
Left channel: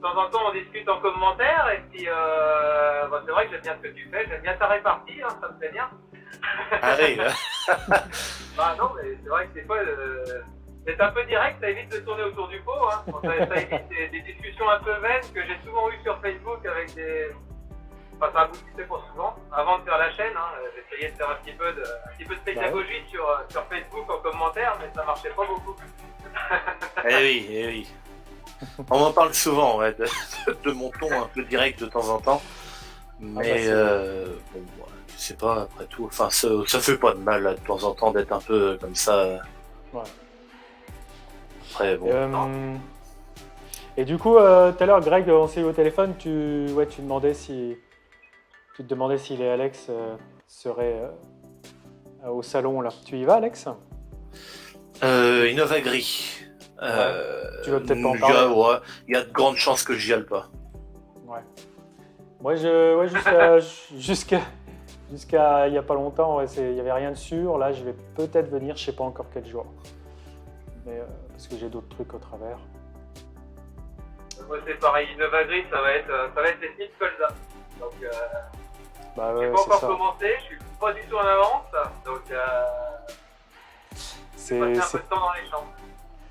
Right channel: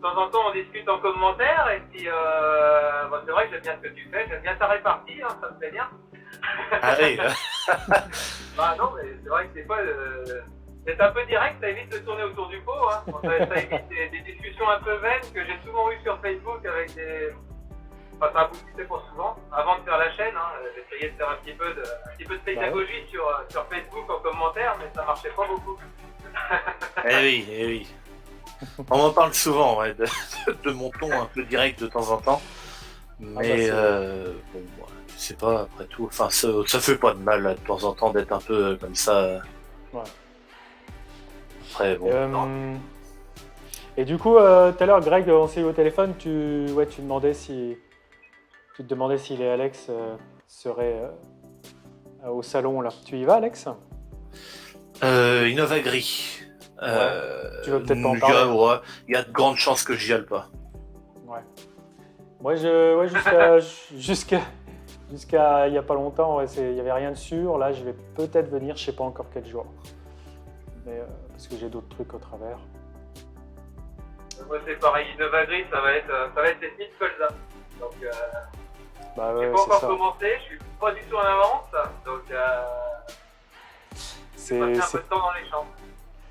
temps en temps on discute en commentaire, et puis c'est vrai que j'aime bien ce que tu fais, j'aime bien ta répartie, ça me plaît bien. Ah oui, Bah non, mais c'est vrai que des fois, c'est un peu direct, ça évite de tourner autour du pot. Hein. Ça évite des discussions un peu vaines que j'ai souvent eues sur Facebook avec des... Enfin, ça aboutissait pour souvent. Avant de faire la chaîne, hein, j'essayais de faire un petit peu de pédagogie sur Facebook en commentaire, mais ça marchait pas beaucoup. eh oui. On m'en parle souvent, ouais, de mon ton un peu direct de temps en temps. Mais bon, c'est pas après tout. Enfin, ça fait pas de mal là, de temps en temps d'être un peu comme ça. Ouais. Après, bon. Et du coup, tout à l'heure, Greg, on s'est eu au téléphone, tu te demandais si les Alex seraient au salon là. Tu y vas, Alex? Innova Gris. Tu veux peut-être pas en parler. Il y a de grandes chances que j'y aille pas. Ouais. Moi, jusqu'à il y a pas longtemps, il y avait rien de sûr. Là, je vais peut-être venir, je sais pas encore quel jour. Mais parce que j'ai d'autres trucs au travers. Moi, c'est pareil, Innova Gris, ça va être les Smith Colza. Donc, Bah j'ai ouais, pas c'est encore ça. commencé, je suis pas du tout en avance, donc C'est passer un peu de temps dans les champs.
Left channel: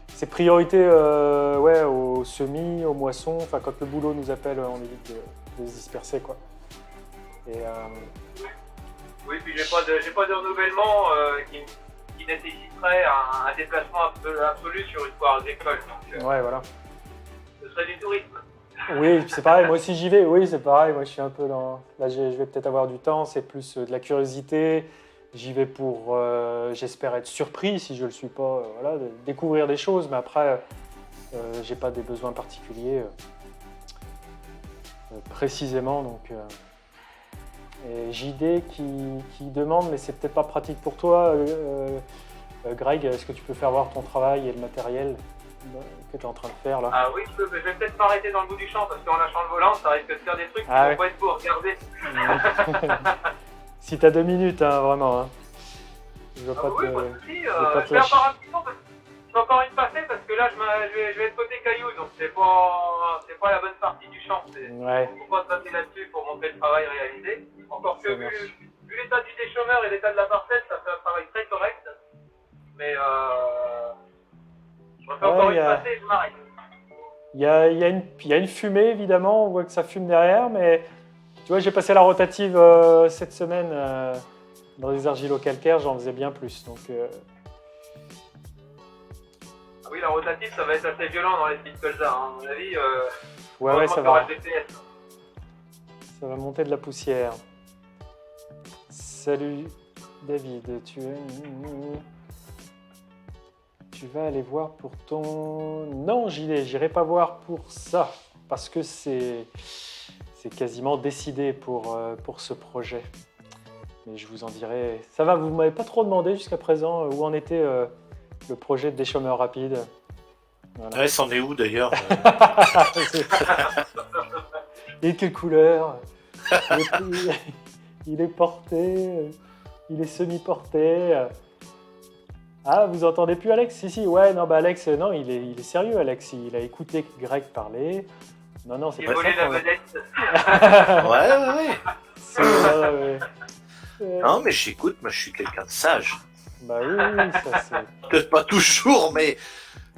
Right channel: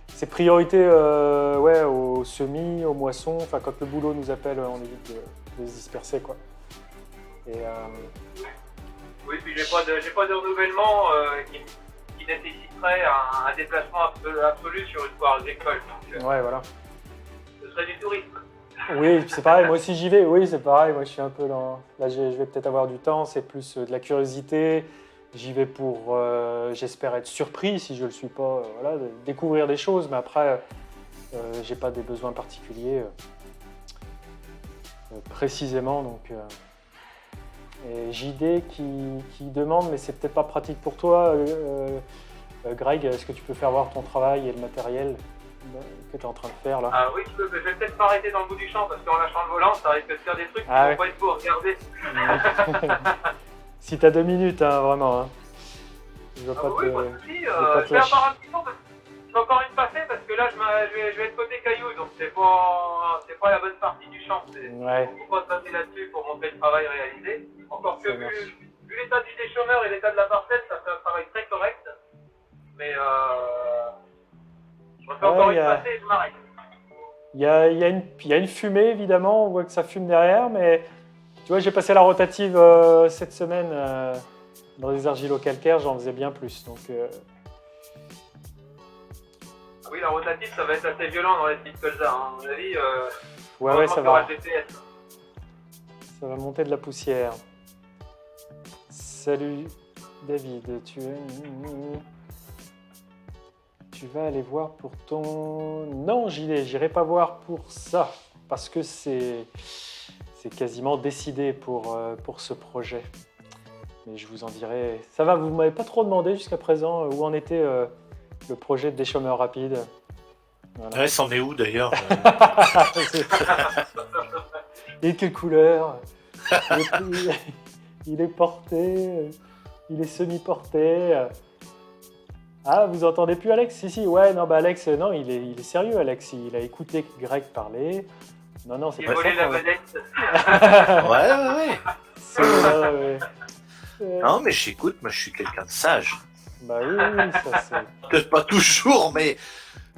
C'est priorité aux semis, aux moissons. Enfin, quand le boulot nous appelle, on évite de se disperser, quoi. Et Oui, puis j'ai pas de renouvellement qui nécessiterait un déplacement absolu sur une foire agricole. Donc, ouais, voilà. ce serait du tourisme. Oui, c'est pareil. Moi aussi, j'y vais. Oui, c'est pareil. Moi, je suis un peu dans. Là, je vais peut-être avoir du temps. C'est plus de la curiosité. J'y vais pour, j'espère être surpris si je le suis pas, voilà, de découvrir des choses. Mais après, j'ai pas des besoins particuliers précisément. Donc, et JD qui demande, mais c'est peut-être pas pratique pour toi, Greg. Est-ce que tu peux faire voir ton travail et le matériel que tu es en train de faire là? Ah oui, je vais peut-être m'arrêter dans le bout du champ parce qu'en lâchant le volant, ça risque de faire des trucs qui Ah vont pas être beaux à regarder. Si t'as 2 minutes, hein, vraiment. Hein. Je veux pas Oui, te. pas de soucis. pas te Je vais lâcher. encore un petit peu parce que j'ai encore une passée parce que là, je vais être côté caillou, donc c'est pas la bonne partie du champ. Ouais. Faut pas se passer là-dessus pour montrer le travail réalisé. Encore que Ça marche. vu l'état du déchômeur et l'état de la parcelle, ça fait un travail très correct. Mais je refais encore une passée et je m'arrête. Il y a une fumée, évidemment. On voit que ça fume derrière, mais tu vois, j'ai passé la rotative cette semaine dans des argilo-calcaires. J'en faisais bien plus. Donc, Oui, la rotative, ça va être assez violent dans les Smith Colza. Hein. À mon avis, ouais, ça va. GPS. Ça va monter de la poussière. Salut David, tu vas aller voir pour ton... Non, j'irai pas voir pour ça, parce que c'est quasiment décidé pour ce projet. Mais je vous en dirai... Ça va, vous m'avez pas trop demandé jusqu'à présent où en était le projet de déchômeur rapide. Voilà. Ouais, c'en est où d'ailleurs? Et quelle couleur? Il est porté, il est semi-porté. Ah, vous entendez plus Alex? Si, ouais, non, bah Alex, non, il est sérieux, Alex. Il a écouté Greg parler. Non, c'est Il pas volait ça. la vedette. Ouais. C'est Non, mais j'écoute, moi je suis quelqu'un de sage. Bah oui, ça c'est... Peut-être pas toujours, mais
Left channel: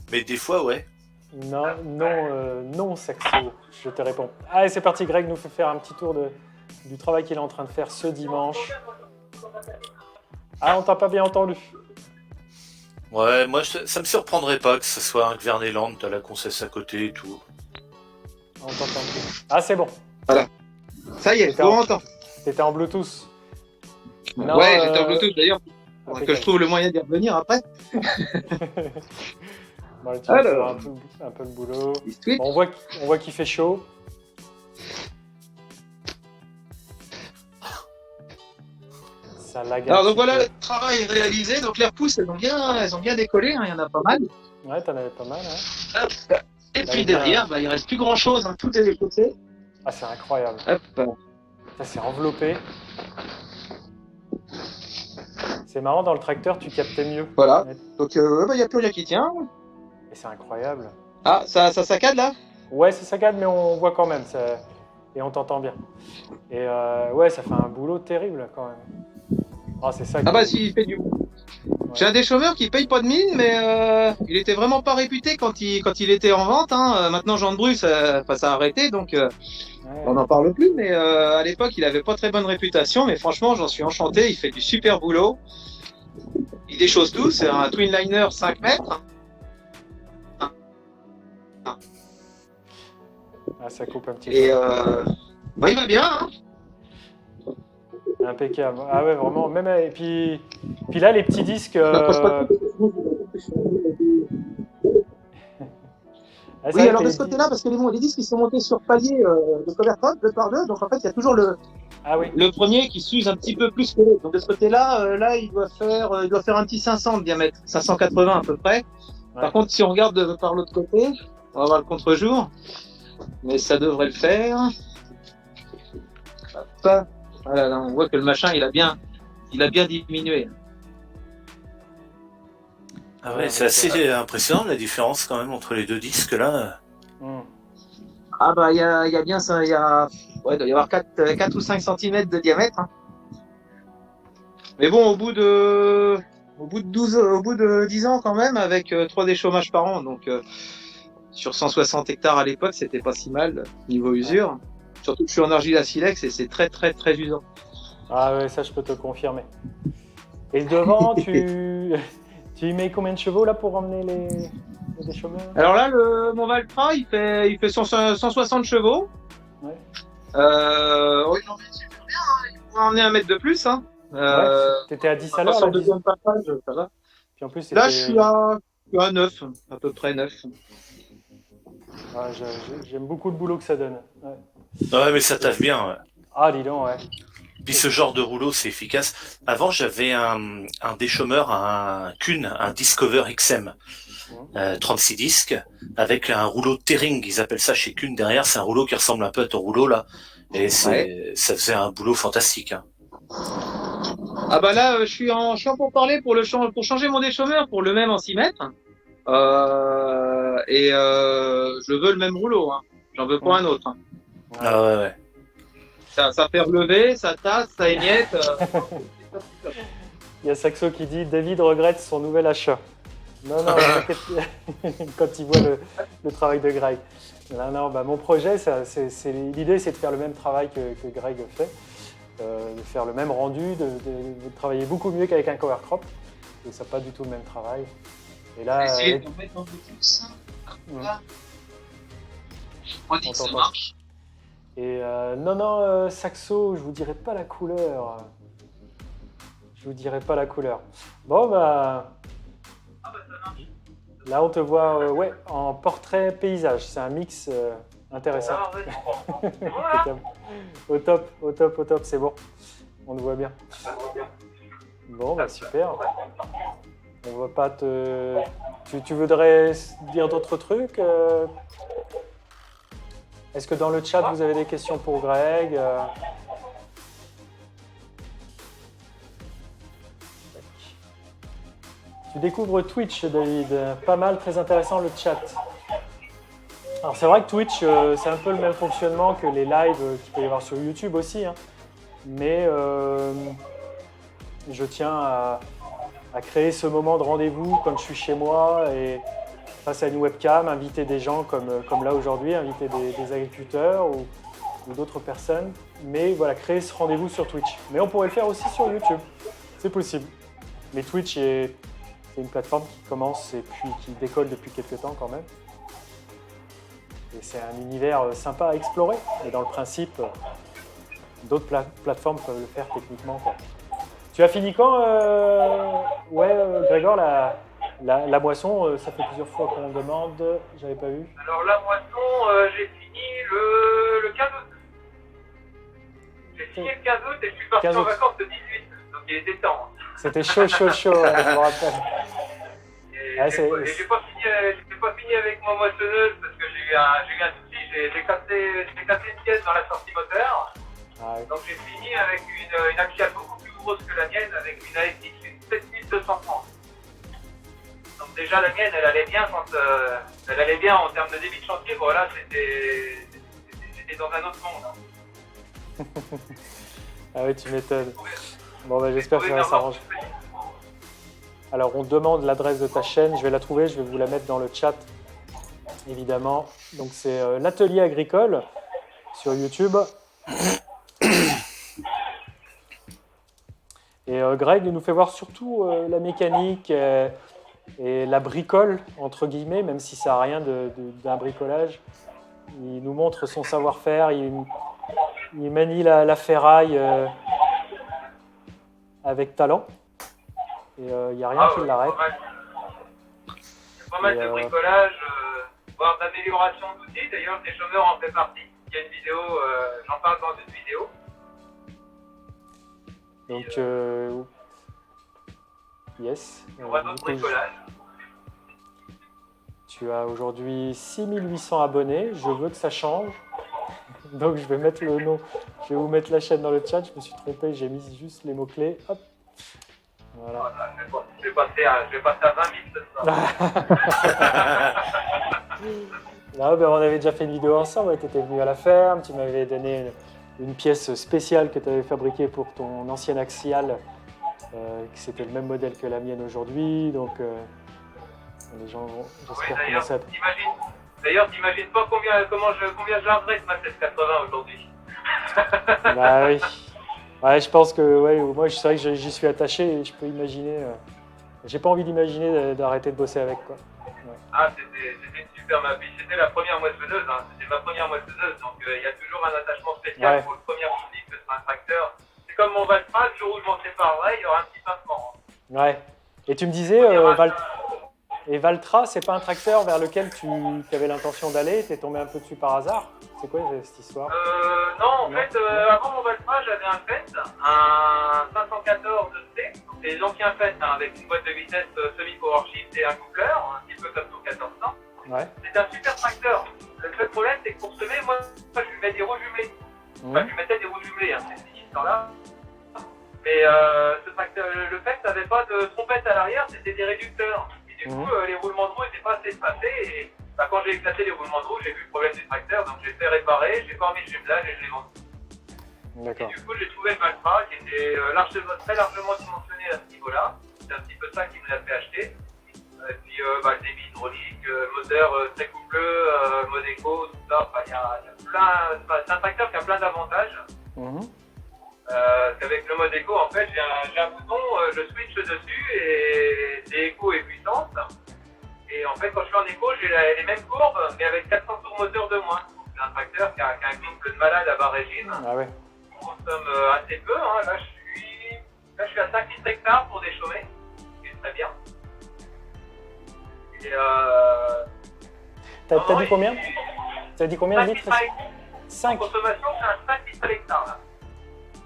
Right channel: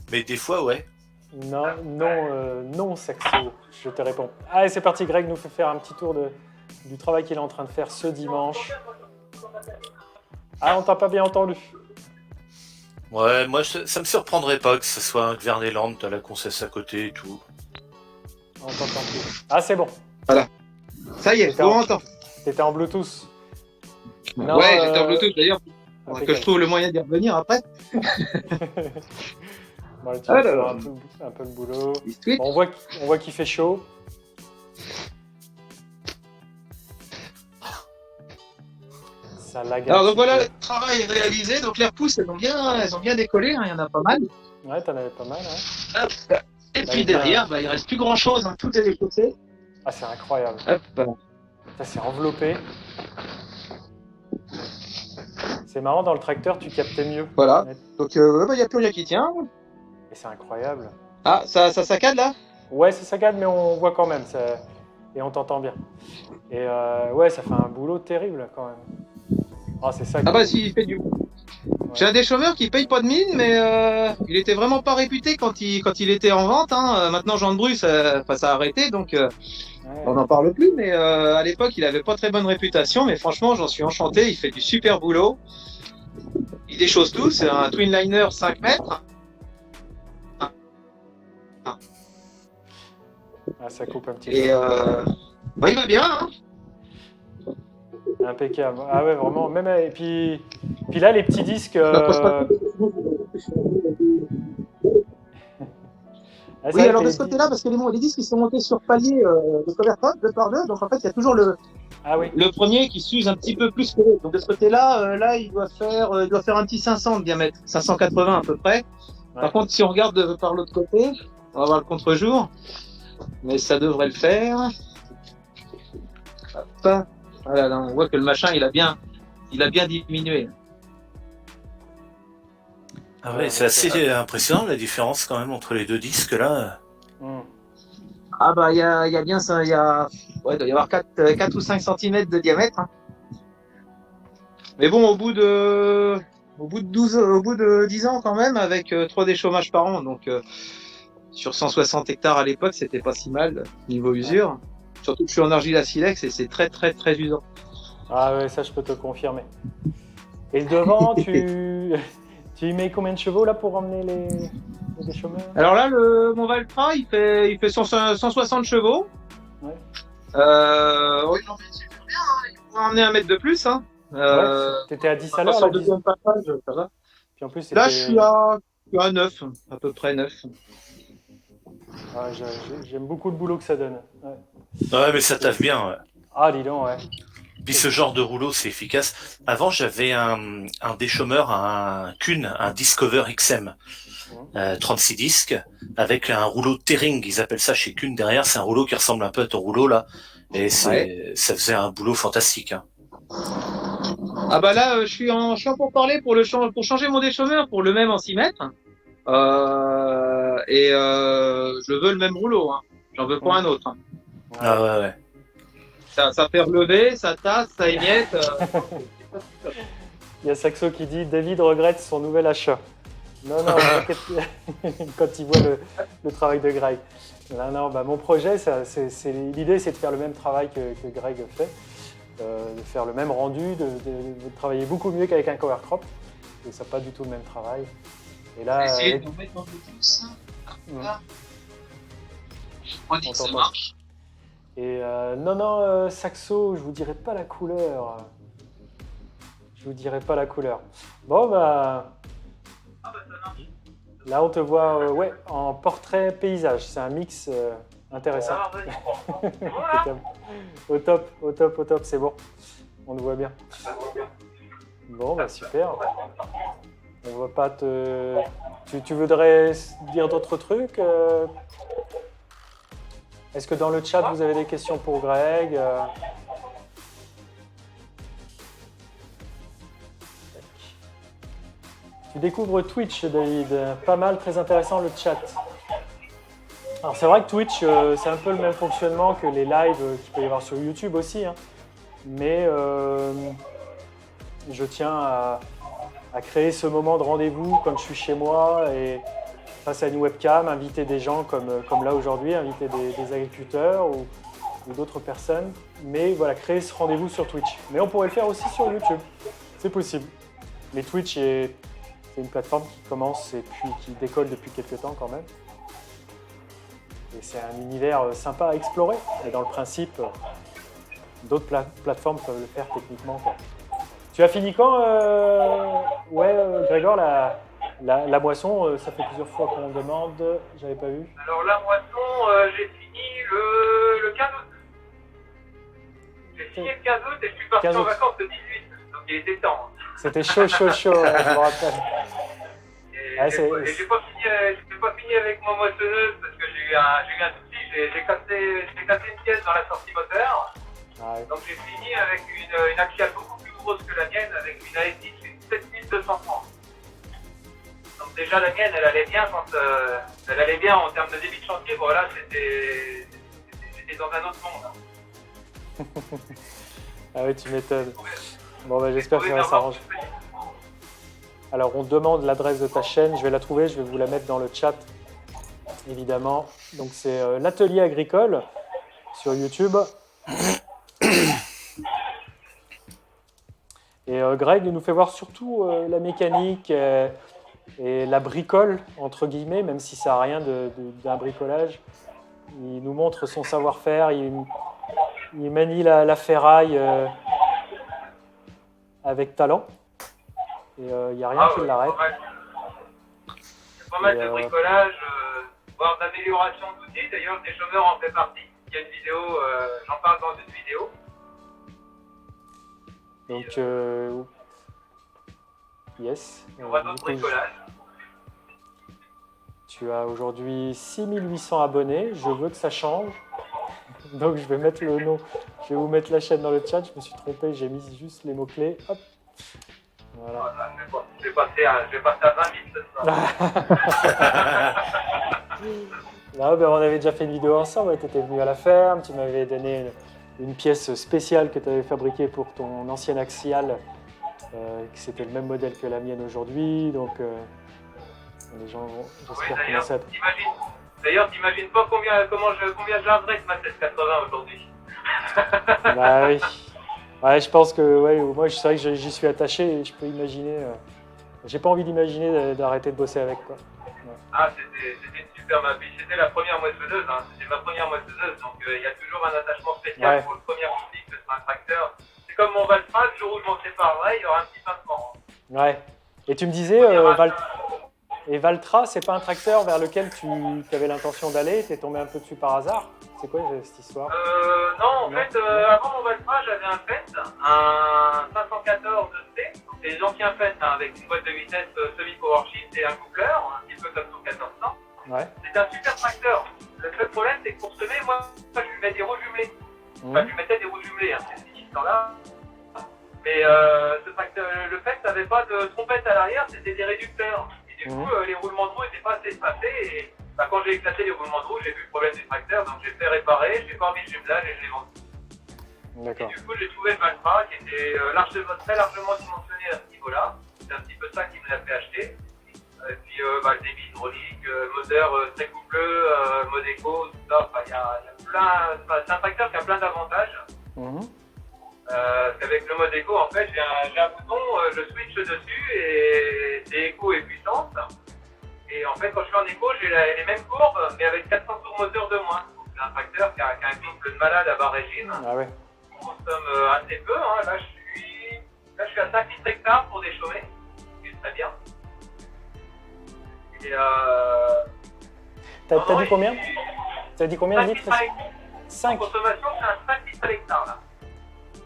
des fois, ouais. Non, Saxo, je te réponds. Allez, c'est parti, Greg nous fait faire un petit tour du travail qu'il est en train de faire ce dimanche. Ah, on t'a pas bien entendu. Ouais, moi ça me surprendrait pas que ce soit un Gverneland, t'as la concesse à côté et tout. On t'entend plus. Ah, c'est bon. Voilà. Ça y est, T'étais on en- entend. T'étais en Bluetooth. Non, Ouais, j'étais en Bluetooth d'ailleurs. Faudrait que impeccable. je trouve le moyen d'y revenir après. Bon, tu vas faire Alors. un peu le boulot. Biscuit. Bon, on voit qu'il fait chaud. Ça lag un Alors donc petit voilà, peu. le travail est réalisé. Donc les repousses, elles ont bien décollé. Hein, il y en a pas mal. Ouais, t'en avais pas mal, hein. Hop. Et Bah, puis bien. derrière, il reste plus grand chose. Hein, tout est déchaussé. Ah, c'est incroyable. Hop. Ça s'est enveloppé. C'est marrant, dans le tracteur, tu captais mieux. Voilà. Ouais. Donc il n'y a plus rien qui tient. Et c'est incroyable. Ah, ça saccade là? Ouais, ça saccade, mais on voit quand même. Et on t'entend bien. Et ouais, ça fait un boulot terrible quand même. Ah, c'est ça. Ah bah si, il fait du boulot. J'ai un déchômeur qui paye pas de mine, mais il était vraiment pas réputé quand il était en vente. Hein. Maintenant, Jean de Bru, ça a arrêté, donc Ouais. on n'en parle plus. Mais à l'époque, il avait pas très bonne réputation. Mais franchement, j'en suis enchanté. Il fait du super boulot. Il déchausse tout. C'est un twin liner 5 mètres. Ah, ça coupe un petit Et peu. bah, il va bien. Hein. Impeccable. Ah ouais, vraiment. Même, et puis là, les petits disques. Ça pose pas de Ah, c'est Oui, vrai alors que de les ce côté-là, parce que les disques ils sont montés sur palier de cover top, 2x2, donc en fait il y a toujours Ah oui. le premier qui s'use un petit peu plus que l'autre. Donc de ce côté-là, là il doit faire un petit 500 de diamètre, 580 à peu près. Ouais. Par contre, si on regarde par l'autre côté, on va voir le contre-jour, mais ça devrait le faire. Hop. Voilà, là, on voit que le machin il a bien diminué. Ah ouais, c'est assez impressionnant la différence quand même entre les deux disques là. Hmm. Ah bah il y a bien ça, il doit y avoir 4 ou 5 cm de diamètre. Hein. Mais bon, au bout de 10 ans quand même, avec 3 déchômages par an, donc sur 160 hectares à l'époque, c'était pas si mal niveau usure. Surtout que je suis en argile à silex et c'est très très très usant. Ah ouais, ça je peux te confirmer. Et devant, tu y mets combien de chevaux là pour emmener les déchômeurs? Alors là, mon Valtra, il fait 160 chevaux. Ouais. Oui, il emmène super bien, hein. Il pourrait emmener 1 mètre de plus. Hein. Ouais, t'étais à 10 à l'heure Sur là, le 10. deuxième passage, ça va. Puis en plus, Là, c'était. je suis à 9, à peu près 9. Ah, j'aime beaucoup le boulot que ça donne. Ouais. Ouais, mais ça taffe bien. Ouais. Ah, dis donc, ouais. Puis ce genre de rouleau, c'est efficace. Avant, j'avais un déchômeur, un Kuhn, un Discover XM, 36 disques, avec un rouleau Tering, ils appellent ça chez Kuhn derrière. C'est un rouleau qui ressemble un peu à ton rouleau là, et ça faisait un boulot fantastique. Hein. Ah bah là, je suis en pour parler pour changer mon déchômeur pour le même en 6 mètres. Je veux le même rouleau. Hein. J'en veux pas un autre. Hein. Ouais. Ah ouais, ouais. Ça fait relever, ça tasse, ça émiette. Il y a Saxo qui dit David regrette son nouvel achat. Non, t'inquiète. Quand il voit le travail de Greg. Non, bah, mon projet, l'idée, c'est de faire le même travail que Greg fait, de faire le même rendu, de travailler beaucoup mieux qu'avec un cover crop. Et ça n'a pas du tout le même travail. Et là, Essayez de mettre un peu plus. On dit que ça marche. Et non, Saxo, je vous dirai pas la couleur. Je vous dirai pas la couleur. Bon, bah. Là, on te voit en portrait paysage. C'est un mix intéressant. Au top, c'est bon. On le voit bien. Bon, bah super. On va pas te. Tu voudrais dire d'autres trucs Est-ce que dans le chat, vous avez des questions pour Greg Tu découvres Twitch, David. Pas mal, très intéressant le chat. Alors c'est vrai que Twitch, c'est un peu le même fonctionnement que les lives qu'il peut y avoir sur YouTube aussi. Hein. Mais je tiens à créer ce moment de rendez-vous quand je suis chez moi et face à une webcam, inviter des gens comme là aujourd'hui, inviter des agriculteurs ou d'autres personnes. Mais voilà, créer ce rendez-vous sur Twitch. Mais on pourrait le faire aussi sur YouTube. C'est possible. Mais Twitch c'est une plateforme qui commence et puis qui décolle depuis quelques temps quand même. Et c'est un univers sympa à explorer. Mais dans le principe, d'autres plateformes peuvent le faire techniquement, quoi. Tu as fini quand Grégor, la moisson, ça fait plusieurs fois qu'on demande. J'avais pas vu. Alors la moisson, j'ai fini le 15 août. J'ai fini le 15 août et je suis parti en vacances le 18. Donc il était temps. C'était chaud, je me rappelle. J'ai pas fini avec ma moissonneuse parce que j'ai eu un souci, j'ai cassé une pièce dans la sortie moteur. Ah, oui. Donc j'ai fini avec une axiale beaucoup plus grosse que la mienne, avec une ASX 7230. Donc déjà la mienne, elle allait bien en termes de débit de chantier. Voilà, j'étais dans un autre monde. Ah oui, tu m'étonnes. Bon, bah, j'espère que ça va s'arranger. Alors, on demande l'adresse de ta chaîne. Je vais la trouver, je vais vous la mettre dans le chat, évidemment. Donc, c'est l'atelier agricole sur YouTube. Et Greg nous fait voir surtout la mécanique et la bricole, entre guillemets, même si ça n'a rien d'un bricolage. Il nous montre son savoir-faire, il manie la ferraille avec talent. Et il n'y a rien qui l'arrête. Pas mal de bricolage, voire d'amélioration d'outils. D'ailleurs, des chômeurs en fait partie. Il y a une vidéo, j'en parle dans une vidéo. Donc, yes. On va dans le bricolage. Tu as aujourd'hui 6800 abonnés. Je veux que ça change. Donc, je vais mettre le nom. Je vais vous mettre la chaîne dans le chat. Je me suis trompé. J'ai mis juste les mots-clés. Hop. Voilà. Je vais passer à 20 000 ce soir. Là, ben, on avait déjà fait une vidéo ensemble. Tu étais venu à la ferme. Tu m'avais donné une pièce spéciale que tu avais fabriquée pour ton ancienne Axial. C'était le même modèle que la mienne aujourd'hui. Donc, les gens vont, j'espère, commencer à... D'ailleurs, t'imagines pas combien je l'adresse ma 780 aujourd'hui. Bah oui. Ouais, je pense que moi, c'est vrai que j'y suis attaché et je peux imaginer. J'ai pas envie d'imaginer d'arrêter de bosser avec, quoi. Ouais. Ah, c'était une super ma vie. C'était la première moissonneuse. Hein. C'était ma première moissonneuse. Donc, il y a toujours un attachement spécial pour le premier produit que c'est un tracteur. C'est comme mon Valtra, le jour où je m'en séparerai, il y aura un petit pincement. Ouais. Et tu me disais, Valtra, c'est pas un tracteur vers lequel tu avais l'intention d'aller? Tu es tombé un peu dessus par hasard? C'est quoi cette histoire? Non, en fait, avant mon Valtra, j'avais un Fendt, un 514C, c'est l'ancien Fendt avec une boîte de vitesse semi-powershift et un coupler, un petit peu comme ton 1400. Ouais. C'est un super tracteur. Le seul problème, c'est que pour semer, moi, je lui mets des roues jumelées. Enfin, je lui mettais des roues jumelées, hein, cette histoire-là. Mais ce tracteur, le Fendt n'avait pas de trompette à l'arrière, c'était des réducteurs. Et du coup, les roulements de roues n'étaient pas assez espacés. Et quand j'ai éclaté les roulements de roues, j'ai vu le problème du tracteur, donc j'ai fait réparer, j'ai pas remis le jumelage et je l'ai vendu. D'accord. Et du coup, j'ai trouvé le Valtra qui était très largement dimensionné à ce niveau-là. C'est un petit peu ça qui me l'a fait acheter. Et puis, le débit hydraulique, moteur très coupleux, mode éco, tout ça. Enfin, il y a plein. C'est un tracteur qui a plein d'avantages. Avec le mode éco, en fait, j'ai un bouton, je switch dessus et c'est éco et puissance. Et en fait, quand je suis en éco, j'ai les mêmes courbes, mais avec 400 tours moteur de moins. C'est un tracteur qui a un couple de malade à bas régime. Ah ouais. On consomme assez peu. Hein. Là, je suis à 5 litres hectares pour déchaumer, ce qui est très bien. Et t'as dit combien? T'as dit combien de litres? 5. Consommation, c'est un 5 litres à l'hectare, là.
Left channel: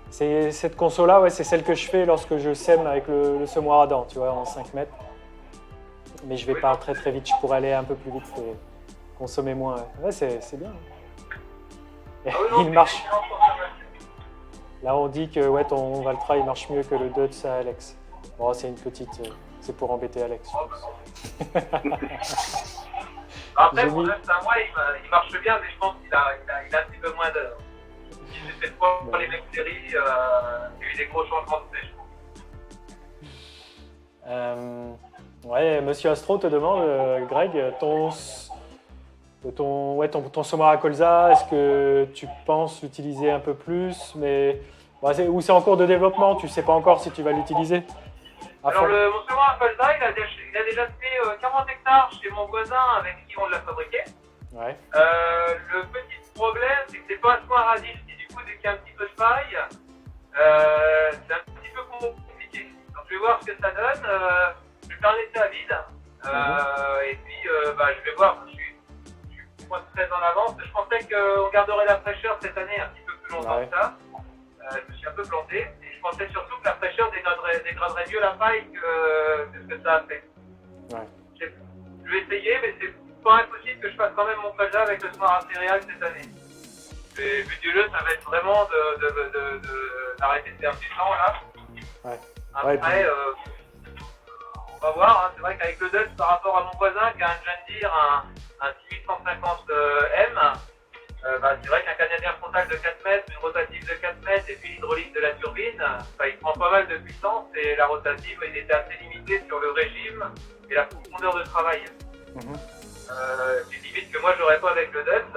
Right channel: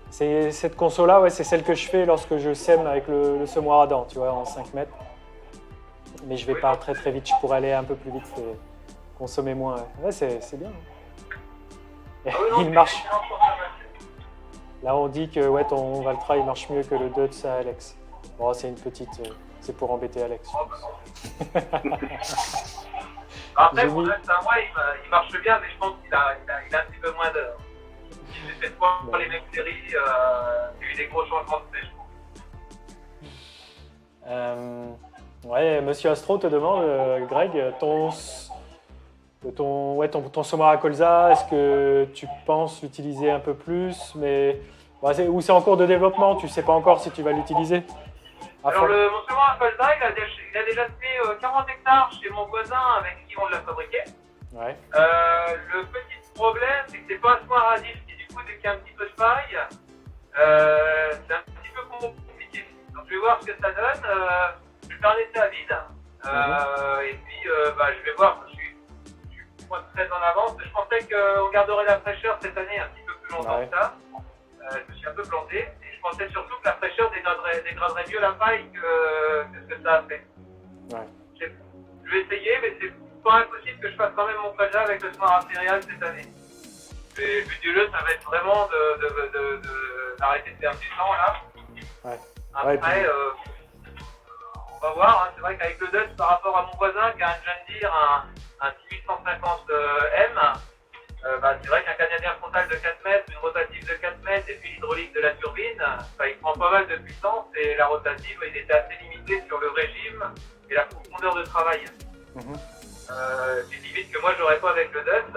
C'est cette conso-là, ouais, c'est celle que je fais lorsque je sème avec le semoir à dents, tu vois, en 5 mètres. Mais je vais pas très très vite, je pourrais aller un peu plus vite et consommer moins. Ouais, c'est bien. Il marche. Là, on dit que ton Valtra, il marche mieux que le Dutz à Alex. Bon, c'est une petite... c'est pour embêter Alex, je pense. Après, mon Dutz à moi, il marche bien, mais je pense qu'il a un petit peu moins d'heures. J'ai fait pour les mêmes séries, il y a eu des gros changements de sèche. Ouais, Monsieur Astro te demande, Greg, ton semoir à colza, est-ce que tu penses l'utiliser un peu plus, mais ou c'est en cours de développement, tu sais pas encore si tu vas l'utiliser? Alors mon semoir à colza, il a déjà fait 40 hectares chez mon voisin avec qui on l'a fabriqué. Ouais. Le petit problème, c'est que c'est pas un semoir à disque, et du coup, dès qu'il y a un petit peu de paille, c'est un petit peu compliqué. Donc je vais voir ce que ça donne. Je vais faire un essai à vide. Et puis je vais voir. Je suis pas très en avance. Je pensais qu'on garderait la fraîcheur cette année un petit peu plus longtemps que ça. Je me suis un peu planté. Et je pensais surtout que la fraîcheur dégraderait mieux la paille que ce que ça a fait. Ouais. Je vais essayer, mais c'est pas impossible que je fasse quand même mon colza avec le semoir à céréales cette année. Le but du jeu, ça va être vraiment d'arrêter de perdre du temps là. Ouais. Après, on va voir. Hein. C'est vrai qu'avec le Dutz, par rapport à mon voisin qui a un John Deere, un 6150M, c'est vrai qu'un canadien frontal de 4 mètres, une rotative de 4 mètres et puis l'hydraulique de la turbine, il prend pas mal de puissance et la rotative, il était assez limité sur le régime et la profondeur de travail. C'est limite que moi j'aurais pas avec le DUT,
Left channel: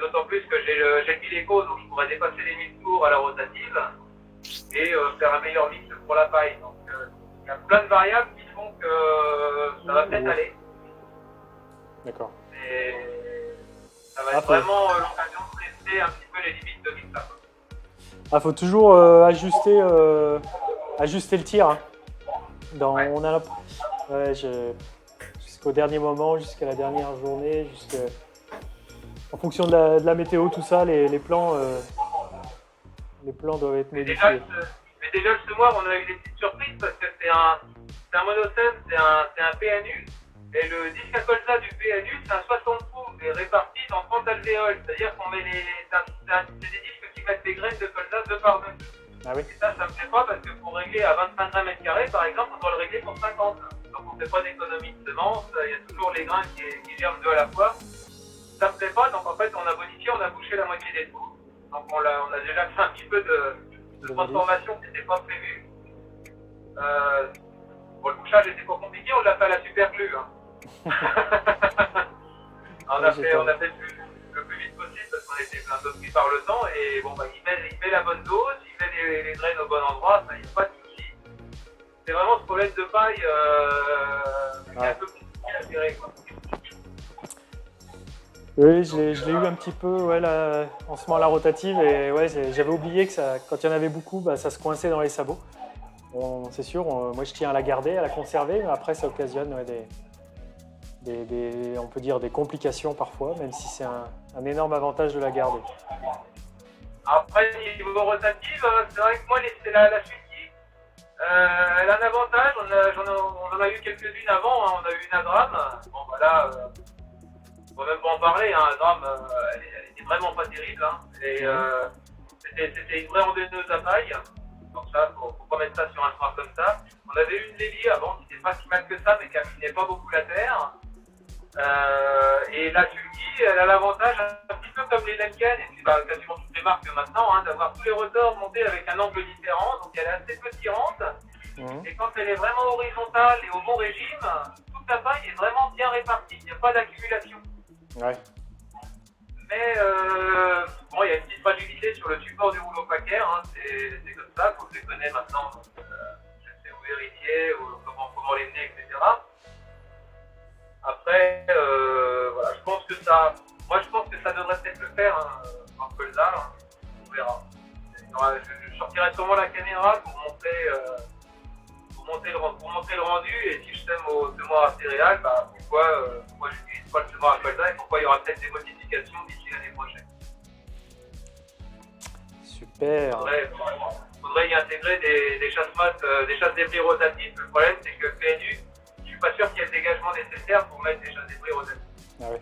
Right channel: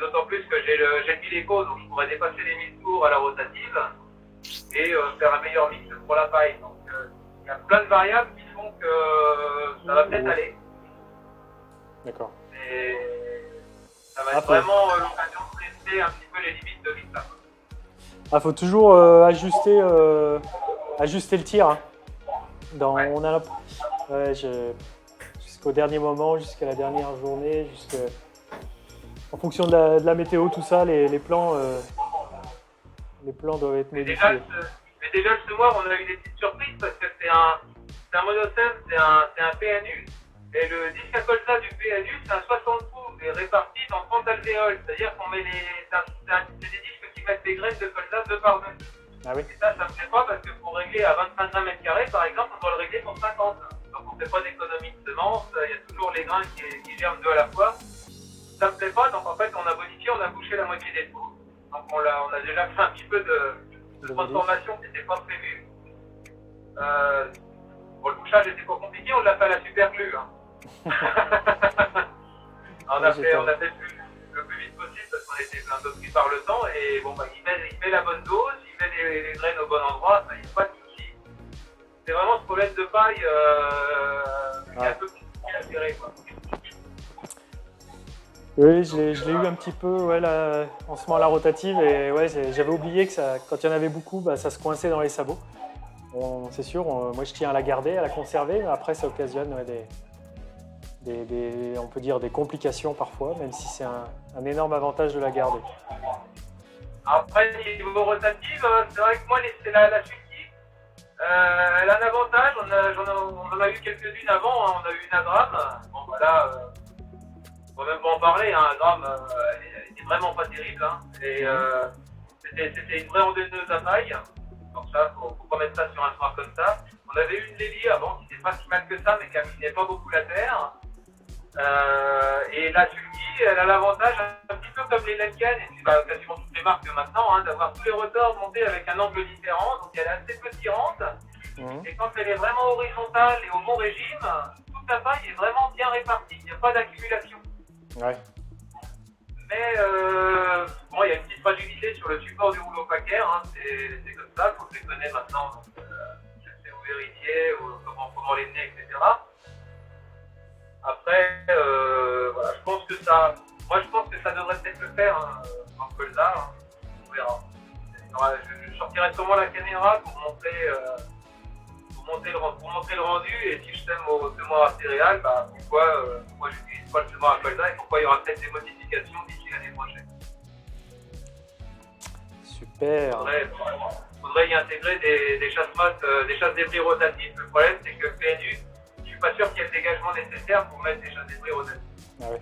d'autant plus que j'ai le Pileco, donc je pourrais dépasser les 1000 tours à la rotative et faire un meilleur mix pour la paille. Donc il y a plein de variables qui font que ça va peut-être aller. D'accord. Et ça va être vraiment l'occasion de tester un petit peu les limites de l'ISA. Ah, faut toujours ajuster le tir. Hein. On a jusqu'au dernier moment, jusqu'à la dernière journée, en fonction de la météo, tout ça, les plans doivent être modifiés. Mais déjà ce mois, on a eu des petites surprises parce que c'est un monocève, c'est un PNU. Et le disque à colza du PNU, c'est un 60 pouces et réparti dans 30 alvéoles. C'est-à-dire qu'on met c'est des disques qui mettent des graines de colza 2 par 2. Ah oui. Et ça me plaît pas parce que pour régler à 25 mètres carrés, par exemple, on doit le régler pour 50. Donc on ne fait pas d'économie de semences, il y a toujours les grains qui germent 2 à la fois. Ça me plaît pas, donc en fait on a modifié, on a bouché la moitié des trous. Donc on a déjà fait un petit peu de transformation qui n'était pas prévue. Bon, le bouchage était pas compliqué, on l'a fait à la super glue. Hein. on a fait le plus vite possible parce qu'on était un peu pris par le temps et bon il met la bonne dose, il met les graines au bon endroit, ça y a pas de souci. C'est vraiment ce problème de paille qui est un peu compliqué à gérer quoi. Oui, je l'ai eu un petit peu en semant la rotative et j'avais oublié que quand il y en avait beaucoup, ça se coinçait dans les sabots. C'est sûr, moi je tiens à la garder, à la conserver, mais après ça occasionne on peut dire des complications parfois, même si c'est un énorme avantage de la garder. Après, niveau rotative, c'est vrai que moi, c'est la Suzuki. Elle a un avantage, on en a eu quelques-unes avant, hein. On a eu une Adram. Bon, voilà, on va même pas en parler, hein. Adram, elle était vraiment pas terrible. Hein. Et c'était une vraie ondeuneuse à paille. Donc ça, faut pas mettre ça sur un soir comme ça. On avait eu une Lely avant qui n'était pas si mal que ça, mais qui aminait pas beaucoup la terre. Et la Suzuki, elle a l'avantage, un petit peu comme les Lemken, et puis quasiment toutes les marques maintenant, hein, d'avoir tous les rotors montés avec un angle différent, donc elle est assez peu tirante. Et quand elle est vraiment horizontale et au bon régime, toute la paille est vraiment bien répartie, il n'y a pas d'accumulation. Ouais. Mais bon, il y a une petite fragilité sur le support du rouleau paquet, hein, c'est comme ça, faut se les connaître maintenant, je sais où vérifier, comment les mener, etc. Après, voilà, je pense que ça devrait peut-être le faire hein, en colza, hein, on verra. Je sortirai sûrement la caméra pour montrer le rendu et si je sème au semoir à céréales, pourquoi j'utilise pas le semoir à colza et pourquoi il y aura peut-être des modifications d'ici l'année prochaine. Super. Faudrait y intégrer des chasse-débris rotatifs. Le problème c'est que le PNU, je suis pas sûr qu'il y ait le dégagement nécessaire pour mettre des chasse-débris rotatifs. Ah oui.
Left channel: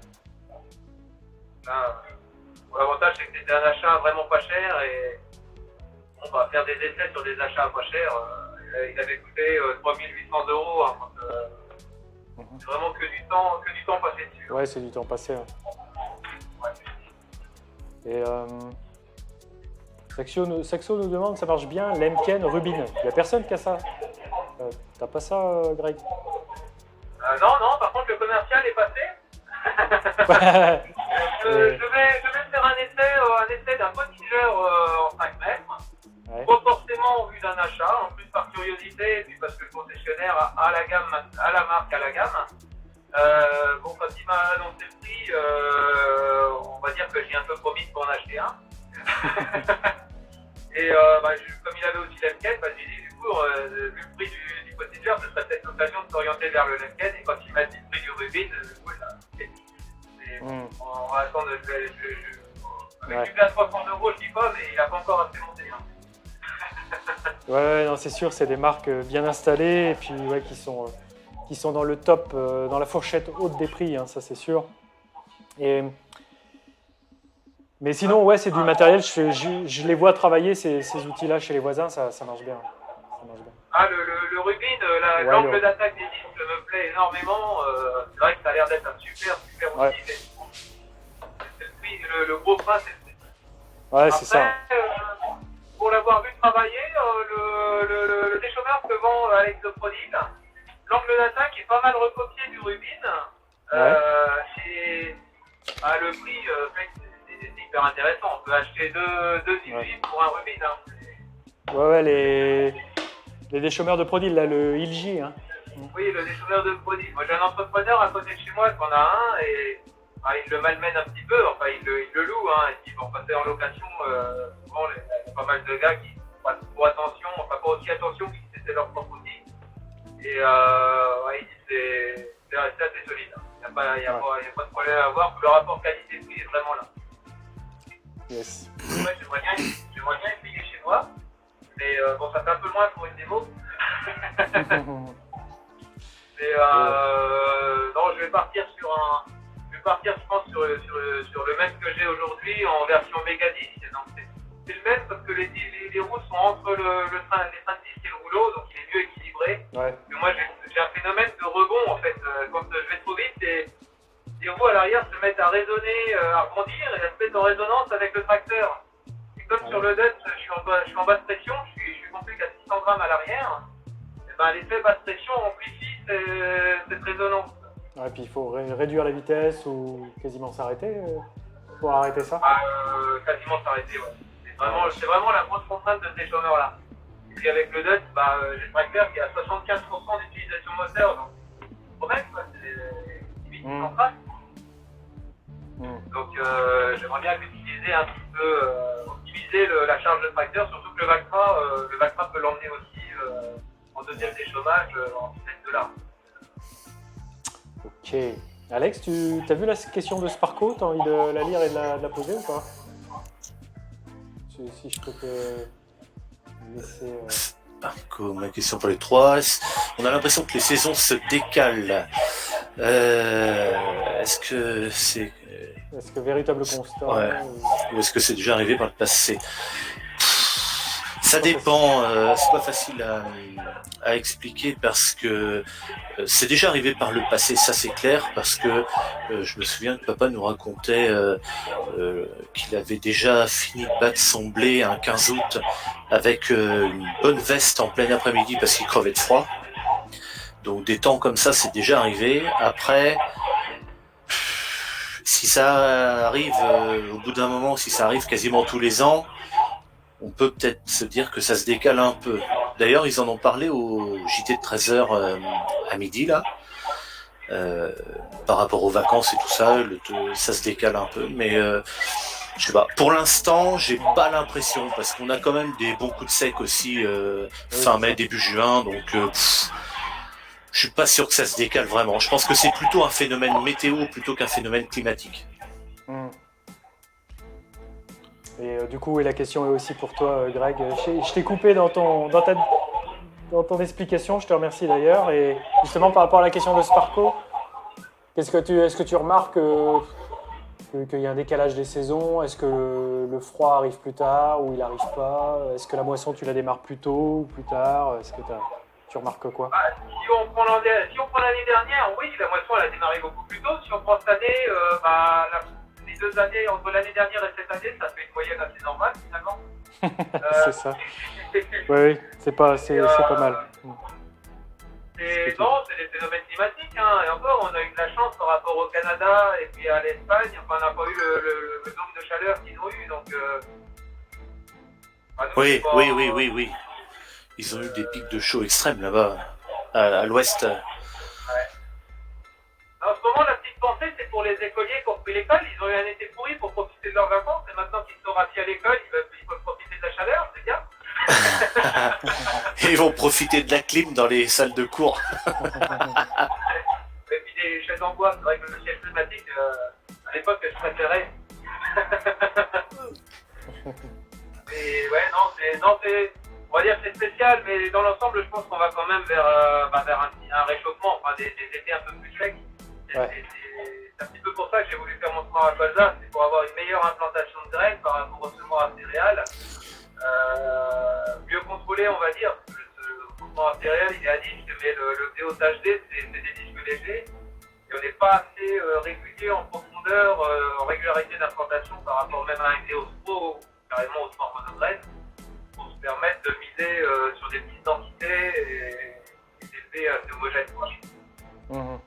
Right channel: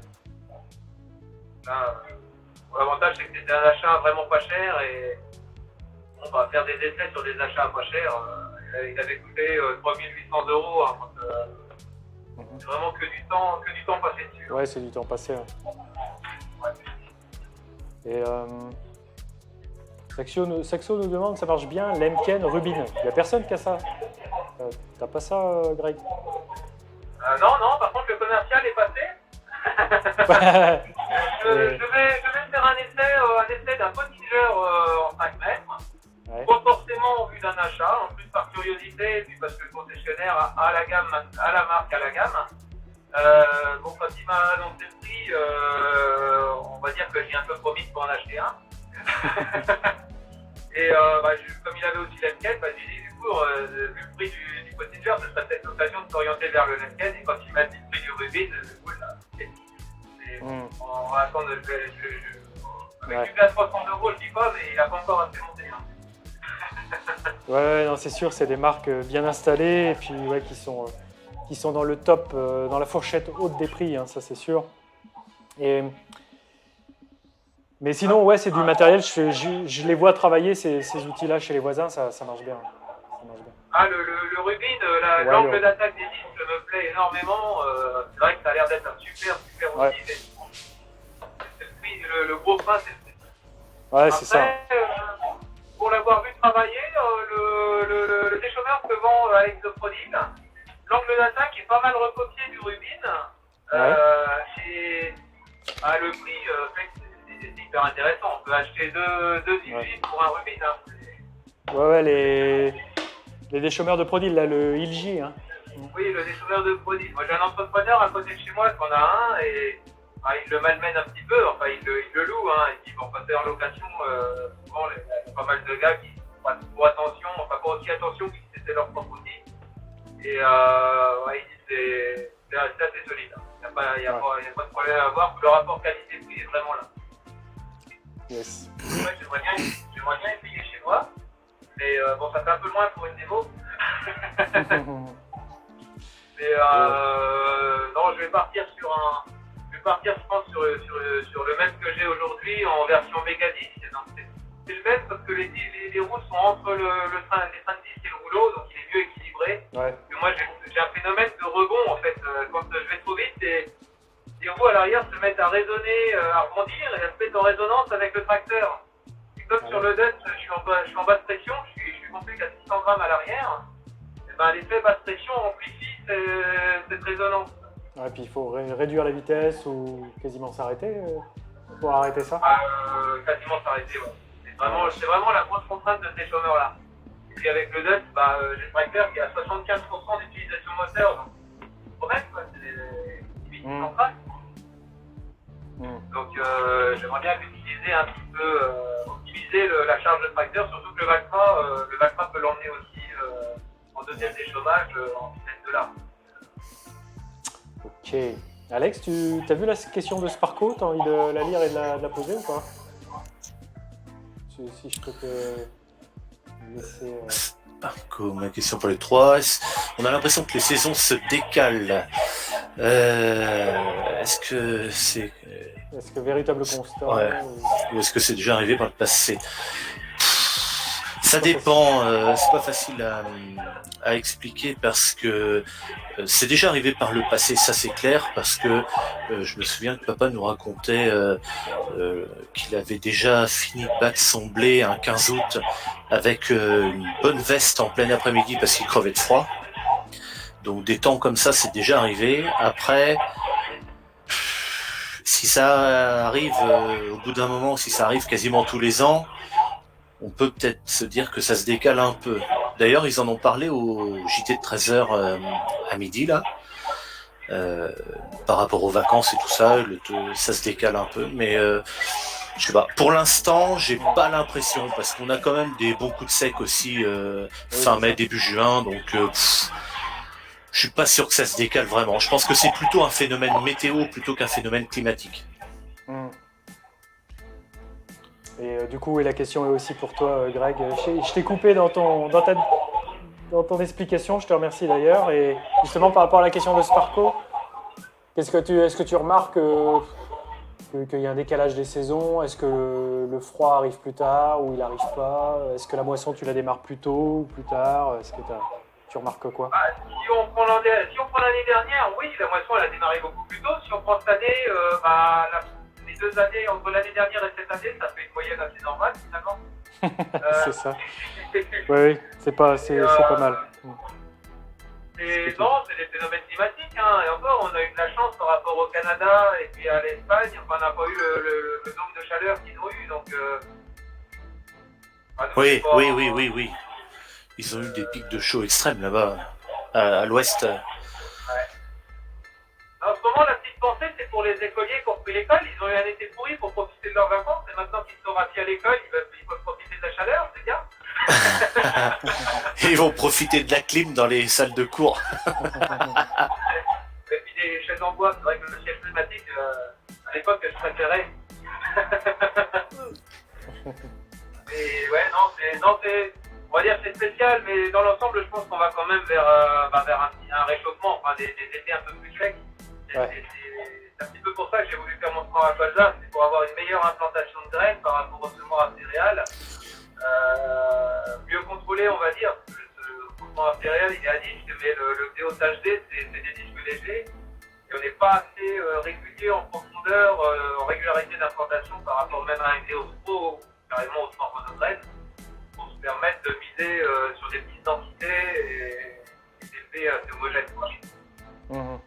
L'avantage c'est que c'était un achat vraiment pas cher et on va faire des essais sur des achats pas chers. Il avait coûté 3800 €. Hein, c'est vraiment que du temps passé dessus. Ouais, c'est du temps passé. Hein. Ouais. Et Saxo nous demande, ça marche bien, Lemken Rubin. Il n'y a personne qui a ça. T'as pas ça, Greg? Non, par contre le commercial est passé. Je vais faire un essai d'un potigeur en 5 mètres. Ouais. Pas forcément au vu d'un achat, en plus par curiosité, et puis parce que le concessionnaire a la marque à la gamme. Bon, quand il m'a annoncé le prix, on va dire que j'ai un peu promis pour en acheter un. Et comme il avait aussi Lemken, j'ai dit du coup, vu le prix du potigeur, ce serait peut-être l'occasion de s'orienter vers le Lemken. Et quand il m'a dit le prix du Rubin, du coup, on va attendre, avec du à 300 €, je dis pas, mais il n'a pas encore assez monté. Hein. Ouais, non, c'est sûr, c'est des marques bien installées et puis qui sont dans le top, dans la fourchette haute des prix, hein, ça c'est sûr. Mais sinon, ouais, c'est du matériel, je les vois travailler ces outils-là chez les voisins, ça marche bien. Ah, le Rubin, l'angle d'attaque des disques me plaît énormément. C'est vrai que ça a l'air d'être un super outil. Ouais. le gros frein, c'est le fric. Ouais, c'est ça. Pour l'avoir vu travailler, le déchômeur que vend Alex de Prodil, l'angle d'attaque est pas mal recopié du Rubin. Et le prix, c'est hyper intéressant. On peut acheter deux Ilgi pour un Rubin. Hein. Ouais, les déchômeurs de Prodil, là, le Ilgi. Hein. Oui, le déchômeur de Prodil. Moi, j'ai un entrepreneur à côté de chez moi qui en a un et il le malmène un petit peu. Enfin, il le loue. Hein, et puis, pour passer en location, souvent, il y a pas mal de gars qui font attention, enfin, pas aussi attention que si c'était leur propre outil. Et il dit c'est assez solide. Il n'y a pas de problème à avoir. Le rapport qualité-prix est vraiment là. Yes. Ouais, j'aimerais bien essayer chez moi. Mais bon, ça fait un peu loin pour une démo. Mais non, je vais partir je pense sur le même que j'ai aujourd'hui en version méga 10. Donc c'est le même parce que les roues sont entre les freins de 10 et le rouleau, donc il est mieux équilibré. Ouais. Et moi j'ai un phénomène de rebond en fait. Quand je vais trop vite, les roues à l'arrière se mettent à résonner, à rebondir et elles se mettent en résonance avec le tracteur. Et comme sur le Dutch, je suis en basse pression, je suis compris qu'à 600 grammes à l'arrière. L'effet basse pression amplifie cette résonance. Ouais, puis il faut réduire la vitesse ou quasiment s'arrêter pour arrêter ça. Quasiment s'arrêter, ouais. C'est vraiment la grosse contrainte de ces chômeurs-là. Et puis avec le Dutch, j'ai le tracteur qui a 75% d'utilisation moteur, donc c'est correct, quoi. C'est limite centrale. Donc j'aimerais bien l'utiliser un petit peu, optimiser la charge de tracteur, surtout que le Valtra peut l'emmener aussi en deuxième déchômage en vitesse de larme. Ok. Alex, tu as vu la question de Sparko? Tu as envie de la lire et de la poser ou pas? Si je peux te laisser... Sparko, ma question pour les trois. On a l'impression que les saisons se décalent. Est-ce que c'est... Est-ce que véritable constat ou est-ce que c'est déjà arrivé par le passé? Ça dépend, c'est pas facile à expliquer parce que c'est déjà arrivé par le passé, ça c'est clair, parce que je me souviens que papa nous racontait qu'il avait déjà fini de battre son blé un 15 août avec une bonne veste en plein après-midi parce qu'il crevait de froid. Donc des temps comme ça, c'est déjà arrivé. Après, si ça arrive au bout d'un moment, si ça arrive quasiment tous les ans, on peut peut-être se dire que ça se décale un peu. D'ailleurs, ils en ont parlé au JT de 13h à midi, là, par rapport aux vacances et tout ça, ça se décale un peu. Mais je sais pas, pour l'instant, j'ai pas l'impression, parce qu'on a quand même des bons coups de sec aussi fin mai, début juin, donc je suis pas sûr que ça se décale vraiment. Je pense que c'est plutôt un phénomène météo plutôt qu'un phénomène climatique. Et du coup, la question est aussi pour toi, Greg. Je t'ai coupé dans ton explication, je te remercie d'ailleurs. Et justement, par rapport à la question de Sparko, est-ce que tu remarques qu'il y a un décalage des saisons? Est-ce que le froid arrive plus tard ou il n'arrive pas? Est-ce que la moisson, tu la démarres plus tôt ou plus tard? Est-ce que tu remarques quoi? Si on prend l'année dernière, oui, la moisson elle a démarré beaucoup plus tôt. Si on prend cette année, les 2 années, entre l'année dernière et cette année, ça fait une moyenne assez normale finalement. C'est ça. Oui, c'est pas mal. Non, c'est des phénomènes climatiques. Hein. Et encore, on a eu de la chance par rapport au Canada et puis à l'Espagne. Enfin, on n'a pas eu le nombre de chaleur qu'ils ont eu. Donc, Oui. Ils ont eu des pics de chaud extrêmes là-bas, à l'ouest. Ouais. En ce moment, la petite pensée, c'est pour les écoliers qui ont repris l'école. Ils ont eu un été pourri pour profiter de leurs vacances. Et maintenant qu'ils sont rassis à l'école, ils peuvent profiter de la chaleur, c'est bien. Et ils vont profiter de la clim dans les salles de cours. Et puis des chaises en bois, c'est vrai que le siège pneumatique, à l'époque, je préférais. Et ouais, on va dire que c'est spécial, mais dans l'ensemble, je pense qu'on va quand même vers un réchauffement, enfin des étés un peu plus secs. Ouais. C'est un petit peu pour ça que j'ai voulu faire mon sport à colza, c'est pour avoir une meilleure implantation de graines par rapport au semoir à céréales. Mieux contrôlé, on va dire. Le semoir à céréales, il est à disque, mais le PO HD, c'est des disques légers. Et on n'est pas assez régulier en profondeur profondeur, en régularité d'implantation par rapport même à un Géostro, carrément au sport monograine, pour se permettre de miser sur des petites densités et des effets assez homogènes. Mhm.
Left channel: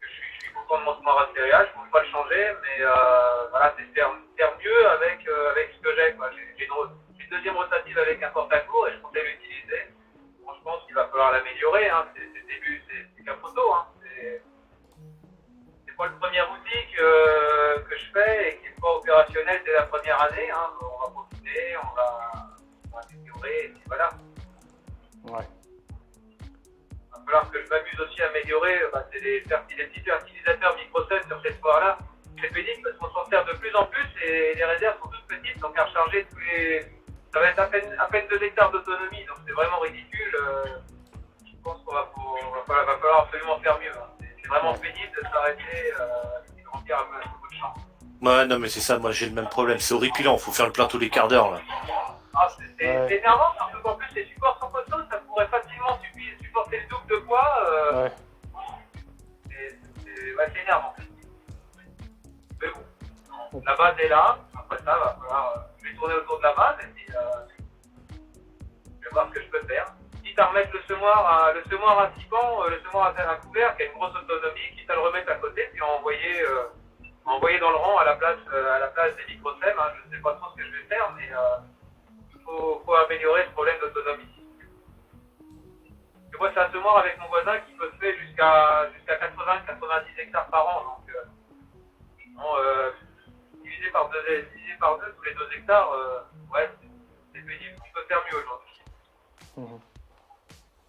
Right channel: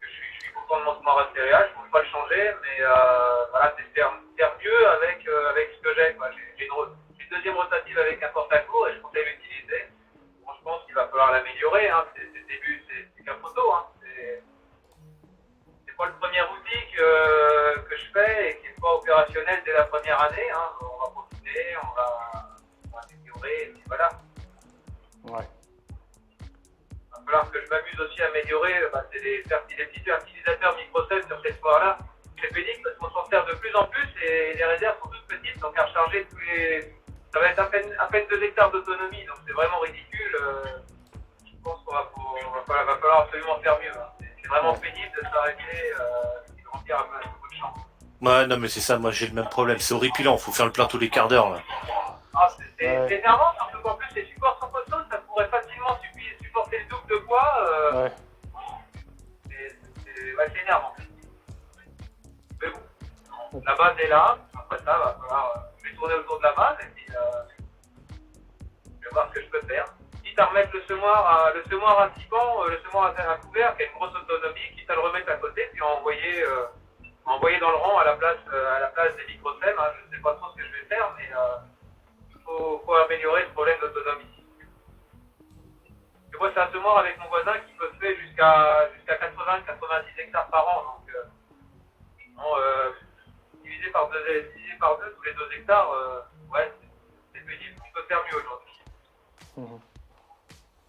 Je suis content de mon smart céréales, je ne peux pas le changer, mais voilà, c'est faire mieux avec ce que j'ai. J'ai une deuxième rotative avec un porte-à-cours et je comptais l'utiliser. Bon, je pense qu'il va falloir l'améliorer. Hein. C'est le début, c'est qu'un photo. Hein. C'est pas le premier outil que je fais et qui n'est pas opérationnel dès la première année. Hein. On va continuer, on va améliorer, et puis voilà. Ouais. Il va falloir que je m'amuse aussi à améliorer c'est les petits fertilisateurs Microsoft sur ces soirs-là. C'est pénible parce qu'on s'en sert de plus en plus et les réserves sont toutes petites, donc à recharger ça va être à peine 2 hectares d'autonomie, donc c'est vraiment ridicule. Je pense qu'il va falloir absolument faire mieux. Hein. C'est vraiment pénible de s'arrêter et de remplir un peu de champ. Ouais, non, mais c'est ça, moi j'ai le même problème. C'est horripilant, faut faire le plein tous les quarts d'heure là. Ah, c'est énervant, surtout qu'en plus les supports sont costauds, ça pourrait facilement supporter le double de poids. Ouais. C'est énervant. Mais bon, la base est là. Après ça, va falloir. Je vais tourner autour de la base et puis je vais voir ce que je peux faire. Quitte à remettre le semoir à 6 pans, le semoir à couvert qui a une grosse autonomie, quitte à le remettre à côté puis envoyer dans le rang à la place des microsèmes. Hein. Je ne sais pas trop ce que je vais faire, mais il faut améliorer ce problème d'autonomie. Et moi, c'est un semoir avec mon voisin qui peut se faire jusqu'à 80-90 hectares par an. Donc, divisé par deux tous les 2 hectares, ouais, c'est pénible. On peut faire mieux aujourd'hui. Mhm.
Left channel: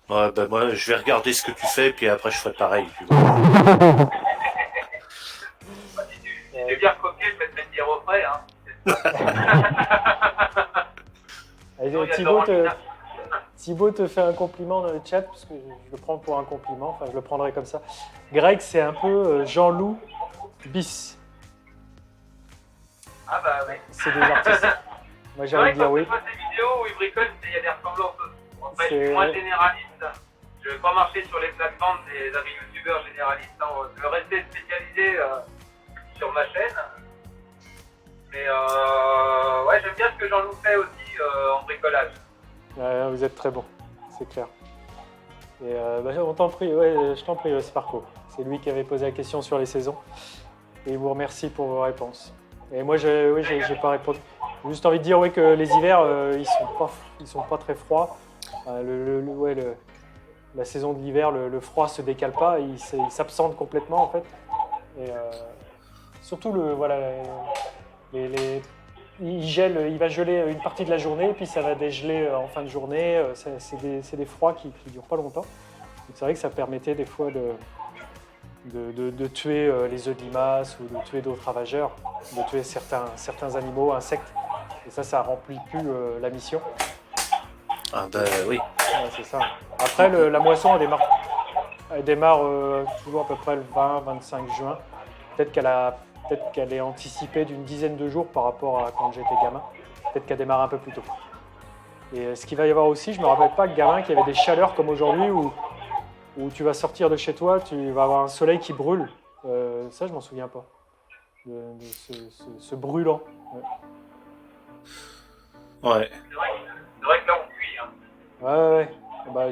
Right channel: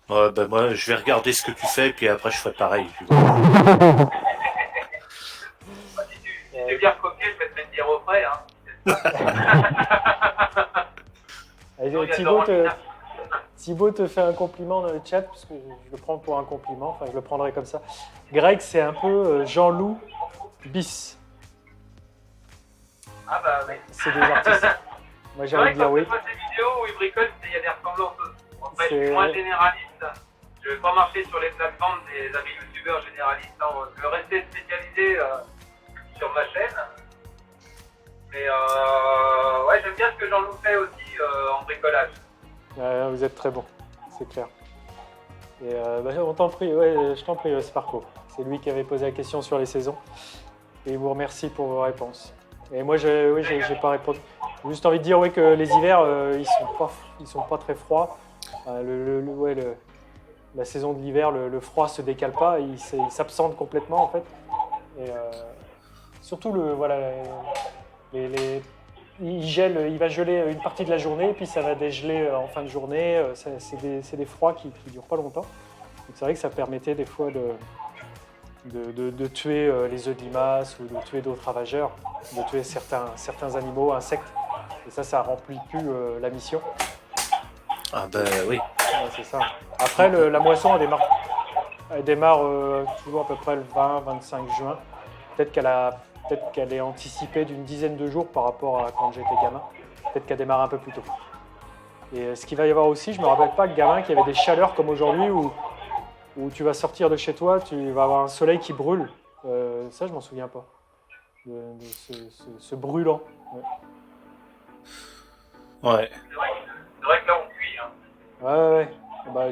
Ouais, ben moi je vais regarder ce que tu fais, puis après je ferai pareil. Si tu bien recopié, je vais te mettre dire au frais. Hein. Thibaut te fait un compliment dans le chat, parce que je le prends pour un compliment, enfin je le prendrai comme ça. Greg, c'est un peu Jean-Loup bis. Ah bah oui. C'est des artistes. Moi j'ai envie de dire oui. C'est vrai que quand je vois ces vidéos où ils bricolent, il y a des ressemblances. Après, je suis moins généraliste. Je ne vais pas marcher sur les plates-bandes des amis youtubeurs généralistes. Je vais rester spécialisé sur ma chaîne. Mais ouais, j'aime bien ce que Jean-Loup fait aussi en bricolage. Ouais, vous êtes très bon, c'est clair. Et on t'en prie, ouais, je t'en prie, Sparko. C'est lui qui avait posé la question sur les saisons. Et il vous remercie pour vos réponses. Et moi, j'ai pas répondu. J'ai juste envie de dire que les hivers, ils sont pas très froids. La saison de l'hiver, le froid se décale pas, il s'absente complètement en fait. Et surtout il va geler une partie de la journée, puis ça va dégeler en fin de journée. C'est des froids qui durent pas longtemps. Donc c'est vrai que ça permettait des fois de tuer les œufs de limaces ou de tuer d'autres ravageurs, de tuer certains animaux, insectes. Et ça remplit plus la mission. Ah ben oui. Ouais, c'est ça. Après, la moisson elle démarre toujours à peu près le 20-25 juin. Peut-être qu'elle est anticipée d'une dizaine de jours par rapport à quand j'étais gamin. Peut-être qu'elle démarre un peu plus tôt. Et ce qu'il va y avoir aussi, je me rappelle pas, gamin, qu'il y avait des chaleurs comme aujourd'hui où tu vas sortir de chez toi, tu vas avoir un soleil qui brûle. Ça, je m'en souviens pas. De ce brûlant. Ouais. C'est vrai que là, on cuit. Hein. Ouais. Bah,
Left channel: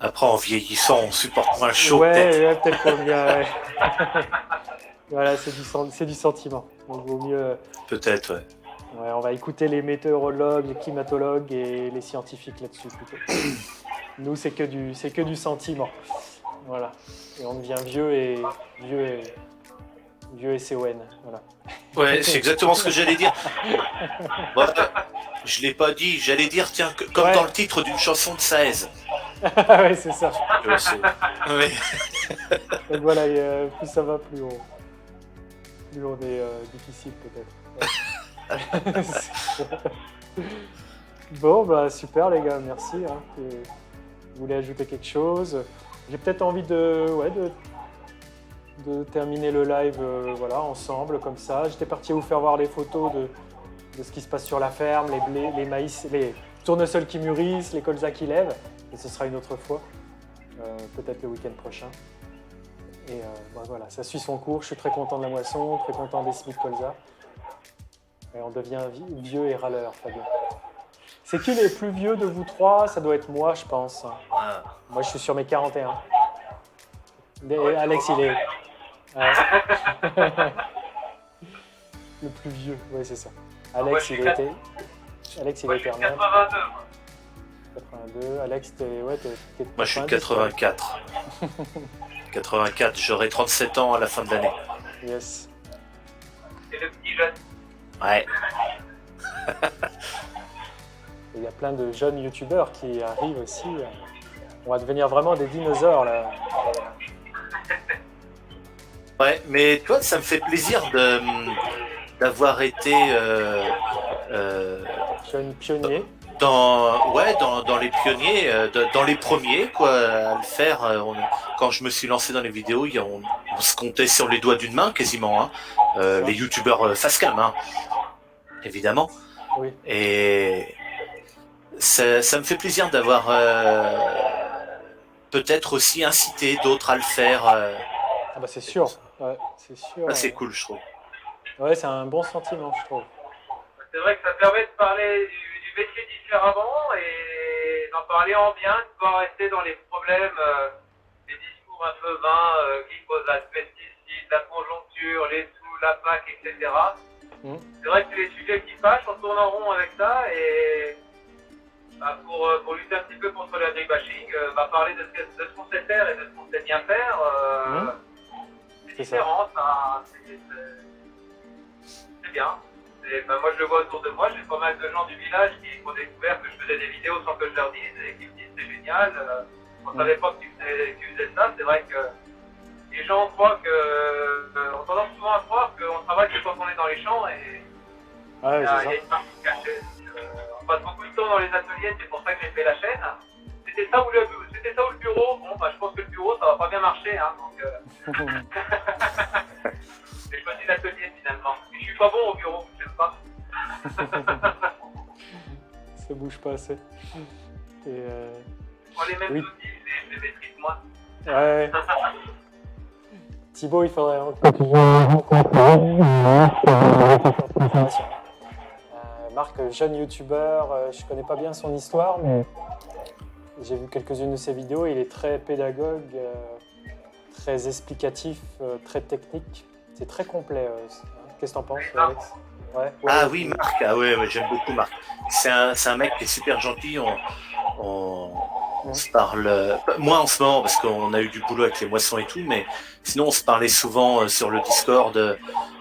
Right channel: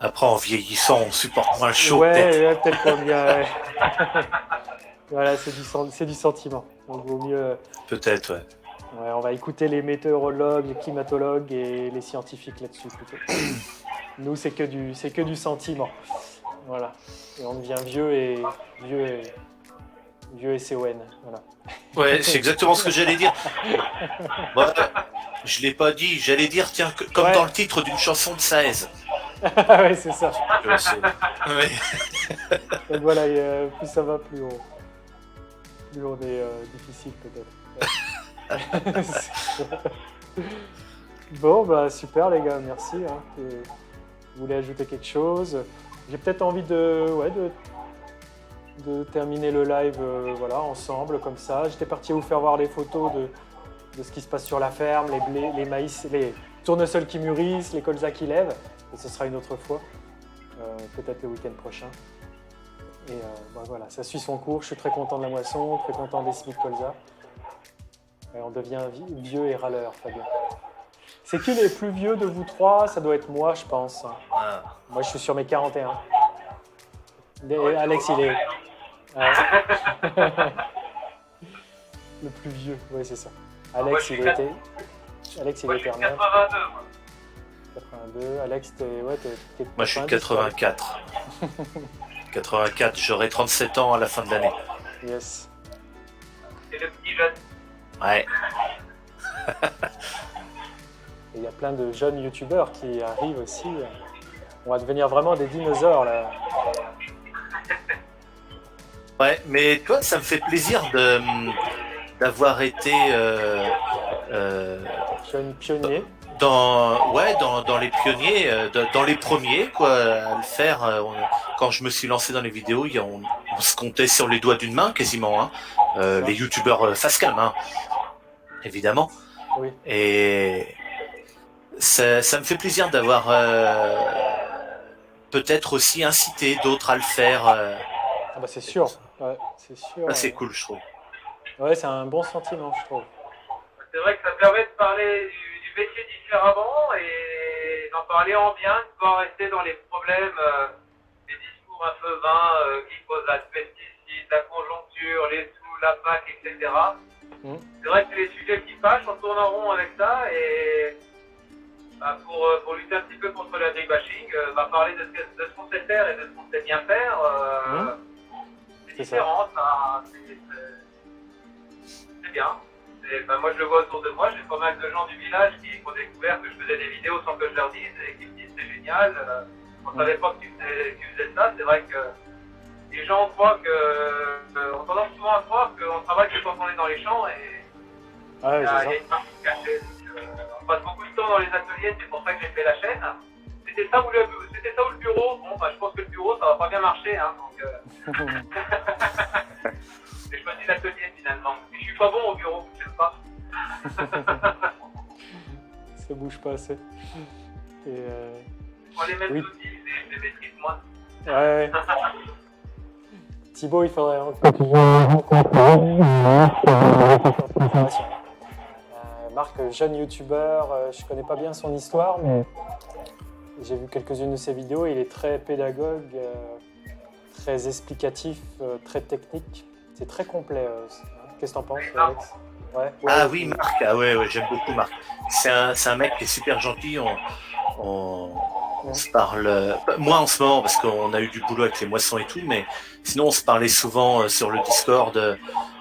Après, en vieillissant, on supporte moins le chaud. Ouais, peut-être qu'on bien. Ouais. Voilà, c'est du sentiment. Donc, vaut mieux. Peut-être, ouais. Ouais, on va écouter les météorologues, les climatologues et les scientifiques là-dessus plutôt. Nous, c'est que du sentiment. Voilà. Et on devient vieux et CON. Voilà. Ouais, c'est exactement ce que j'allais dire. Voilà. Je l'ai pas dit, j'allais dire, tiens, comme dans le titre d'une chanson de Saez. Ouais, c'est ça. Ouais. Donc voilà, plus ça va, plus on est difficile peut-être. Ouais. Bon, bah super les gars, merci. Hein. Vous voulez ajouter quelque chose? J'ai peut-être envie de terminer le live ensemble comme ça. J'étais parti vous faire voir les photos de ce qui se passe sur la ferme, les blés, les maïs, les tournesols qui mûrissent, les colzas qui lèvent. Et ce sera une autre fois, peut-être le week-end prochain. Et bah, voilà, ça suit son cours. Je suis très content de la moisson, très content des Smith Colza. Et on devient vieux et râleur, Fabien. C'est qui les plus vieux de vous trois? Ça doit être moi, je pense. Ah. Moi, je suis sur mes 41. Et Alex, il est... Ouais. Le plus vieux, oui, c'est ça. Alex, il était... Alex, il est éternel. 82, moi. 82. Alex, t'es... Ouais, t'es Moi, je suis 84. 84, j'aurai 37 ans à la fin de l'année. Yes. C'est le petit jeune. Ouais. Et il y a plein de jeunes youtubeurs qui arrivent aussi. On va devenir vraiment des dinosaures, là. Ouais, mais toi, ça me fait plaisir d'avoir été Jeunes pionniers. dans les pionniers, dans les premiers, quoi, à le faire. Quand je me suis lancé dans les vidéos, on se comptait sur les doigts d'une main, quasiment, hein. Les youtubeurs face cam, hein, évidemment. Oui. Et ça me fait plaisir d'avoir peut-être aussi incité d'autres à le faire. Ah bah c'est sûr. Ouais, c'est sûr. C'est cool, je trouve. Ouais, c'est un bon sentiment, je trouve. C'est vrai que ça permet de parler du métier différemment et d'en parler en bien, de pas rester dans les problèmes, les discours un peu vains qui posent la pesticide, la conjoncture, les sous, la PAC, etc. C'est vrai que c'est les sujets qui fâchent, on tourne en rond avec ça et bah, pour lutter un petit peu contre le bashing, parler de ce qu'on sait faire et de ce qu'on sait bien faire, c'est différent, c'est bien. Et, moi je le vois autour de moi, j'ai pas mal de gens du village qui ont découvert que je faisais des vidéos sans que je leur dise et qui me disent c'est génial, on savait pas que tu faisais ça, c'est vrai que les gens croient on tendance souvent à croire qu'on travaille que quand on est dans les champs et ouais, il y a une partie cachée. On passe beaucoup de temps dans les ateliers, c'est pour ça que j'ai fait la chaîne. C'était ça ou le bureau. Bon, je pense que le bureau ça va pas bien marcher, hein, donc j'ai choisi l'atelier finalement. Et je suis pas bon au bureau, je sais pas. Ça bouge pas assez. Et Les mêmes oui. outils, je les maîtrise moins. Ouais. Thibaut, il faudrait Marc, jeune youtubeur, je connais pas bien son histoire, mais j'ai vu quelques-unes de ses vidéos. Il est très pédagogue, très explicatif, très technique. C'est très complet. Qu'est-ce que t'en penses, Alex? Ouais. Ah oui, Marc. Ah ouais, j'aime beaucoup Marc. C'est un mec qui est super gentil. On se parle, moi en ce moment parce qu'on a eu du boulot avec les moissons et tout, mais sinon on se parlait souvent sur le Discord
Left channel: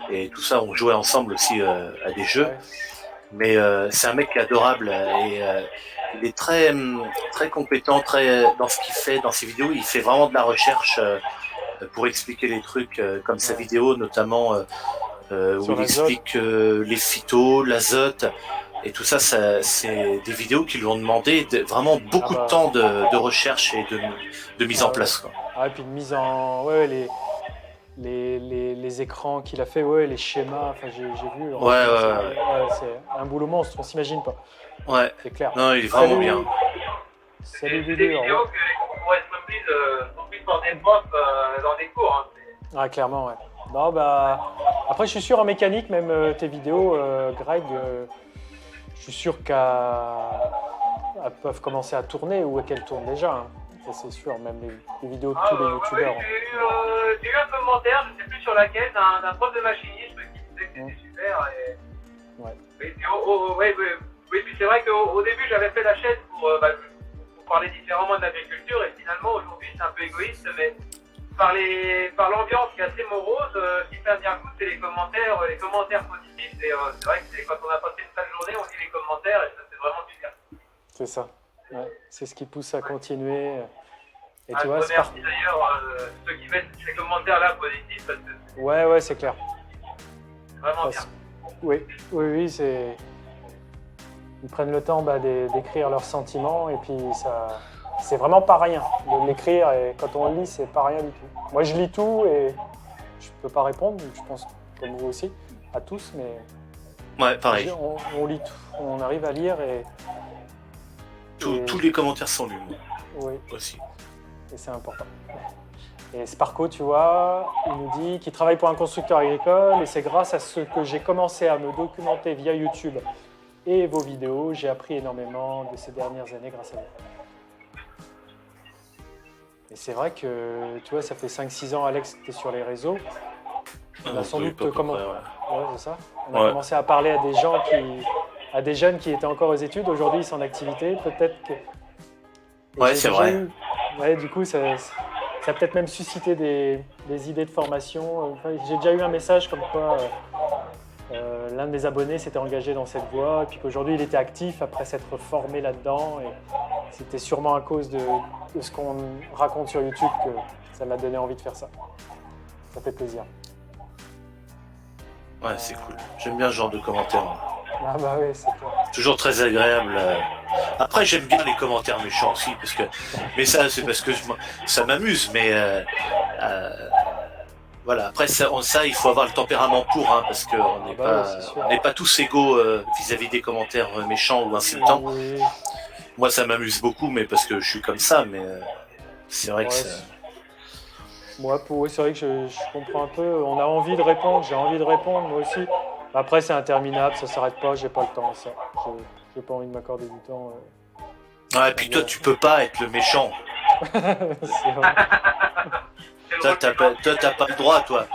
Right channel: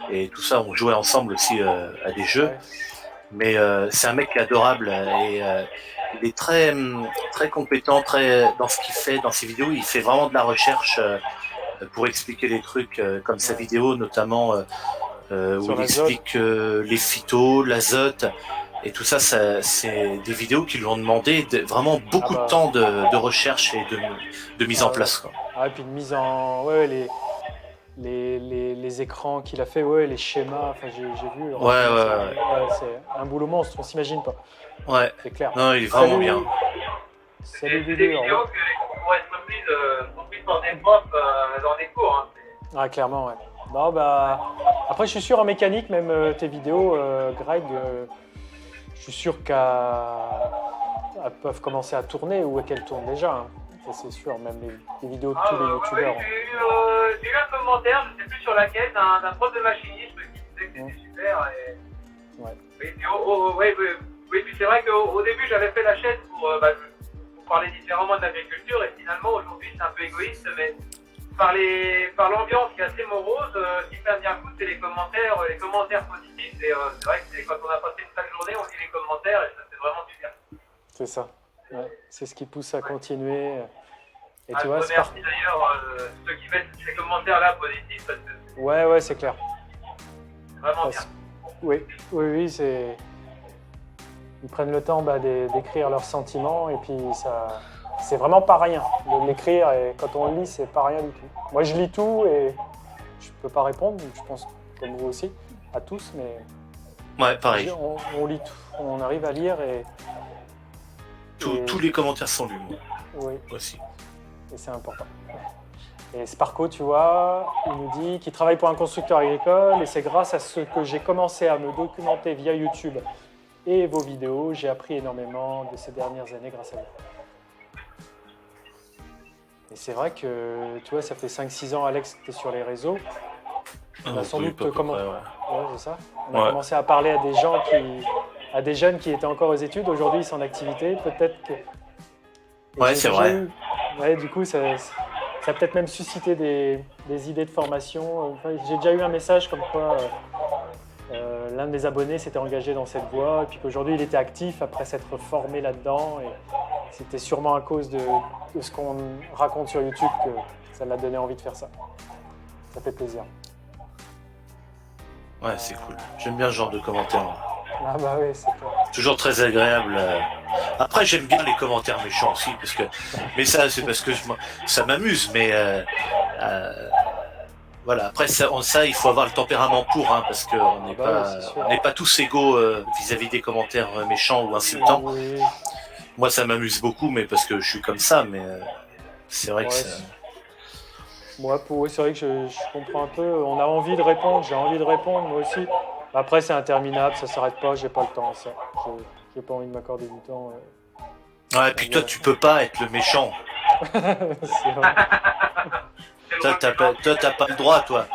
et tout ça, on jouait ensemble aussi à des jeux. Ouais. Mais c'est un mec qui est adorable et il est très très compétent, très dans ce qu'il fait, dans ses vidéos. Il fait vraiment de la recherche pour expliquer les trucs comme sa vidéo notamment où il explique les phytos, l'azote. Et tout ça, c'est des vidéos qui lui ont demandé vraiment beaucoup de temps de recherche et de mise en place. Quoi. Ah, et puis de mise en... Ouais, les écrans qu'il a fait, les schémas, enfin, j'ai vu. C'est un boulot monstre, on s'imagine pas. Ouais. C'est clair. Non, il est vraiment bien. Salut, des vidéos qui pourraient être reprises par des profs dans des cours. Hein. Ah, clairement, ouais. Non, après, je suis sûr en mécanique, même tes vidéos, Greg... Je suis sûr qu'elles peuvent commencer à tourner ou qu'elles tournent déjà. Hein. Ça, c'est sûr, même les vidéos de tous les youtubeurs. J'ai eu un commentaire, je ne sais plus sur laquelle, d'un prof de machinisme qui disait que c'était super. Et... Ouais. Oui, puis c'est vrai qu'au début, j'avais fait la chaîne pour parler différemment de l'agriculture et finalement, aujourd'hui, c'est un peu égoïste, mais par l'ambiance qui est assez morose, ce qui fait bien coup, c'est les commentaires positifs. Et c'est vrai que quand on a passé une sale journée, on lit les commentaires et ça, c'est vraiment super. C'est ça. Ouais. C'est ce qui pousse à continuer. Et tu vois, je remercie d'ailleurs ceux qui mettent ces commentaires-là positifs parce que ouais, c'est clair. C'est vraiment bien. Oui, c'est... Ils prennent le temps d'écrire leurs sentiments et puis ça... C'est vraiment pas rien de l'écrire et quand on le lit, c'est pas rien du tout. Moi, je lis tout et je peux pas répondre, je pense comme vous aussi, à tous, mais ouais, pareil. On lit tout, on arrive à lire et tous les commentaires sont lus. Oui. Aussi. Et c'est important. Et Sparko, tu vois, il nous dit qu'il travaille pour un constructeur agricole et c'est grâce à ce que j'ai commencé à me documenter via YouTube et vos vidéos. J'ai appris énormément de ces dernières années grâce à vous. Et c'est vrai que, tu vois, ça fait 5-6 ans, Alex, que tu es sur les réseaux. On a sans doute commencé. Ouais, c'est ça. On a commencé à parler à des gens à des jeunes qui étaient encore aux études. Aujourd'hui, ils sont en activité. Peut-être que. Ouais, c'est vrai. Ouais, du coup, ça a peut-être même suscité des idées de formation. Enfin, j'ai déjà eu un message comme quoi l'un de mes abonnés s'était engagé dans cette voie et puis qu'aujourd'hui, il était actif après s'être formé là-dedans. Et c'était sûrement à cause de ce qu'on raconte sur YouTube que ça l'a donné envie de faire ça. Ça fait plaisir. Ouais, c'est cool. J'aime bien ce genre de commentaires. Ah bah oui, c'est clair. Toujours très agréable. Après, j'aime bien les commentaires méchants aussi, parce que. Mais ça, c'est parce que ça m'amuse. Mais voilà. Après, ça, il faut avoir le tempérament pour, hein, parce que on n'est pas tous égaux vis-à-vis des commentaires méchants ou insultants. Oui. Moi, ça m'amuse beaucoup, mais parce que je suis comme ça. Mais c'est vrai que moi, c'est vrai que je comprends un peu. On a envie de répondre, j'ai envie de répondre, moi aussi. Après, c'est interminable, ça s'arrête pas, j'ai pas le temps à ça. J'ai pas envie de m'accorder du temps. Ouais, et puis toi, tu peux pas être le méchant. C'est vrai. Toi, t'as pas le droit, toi.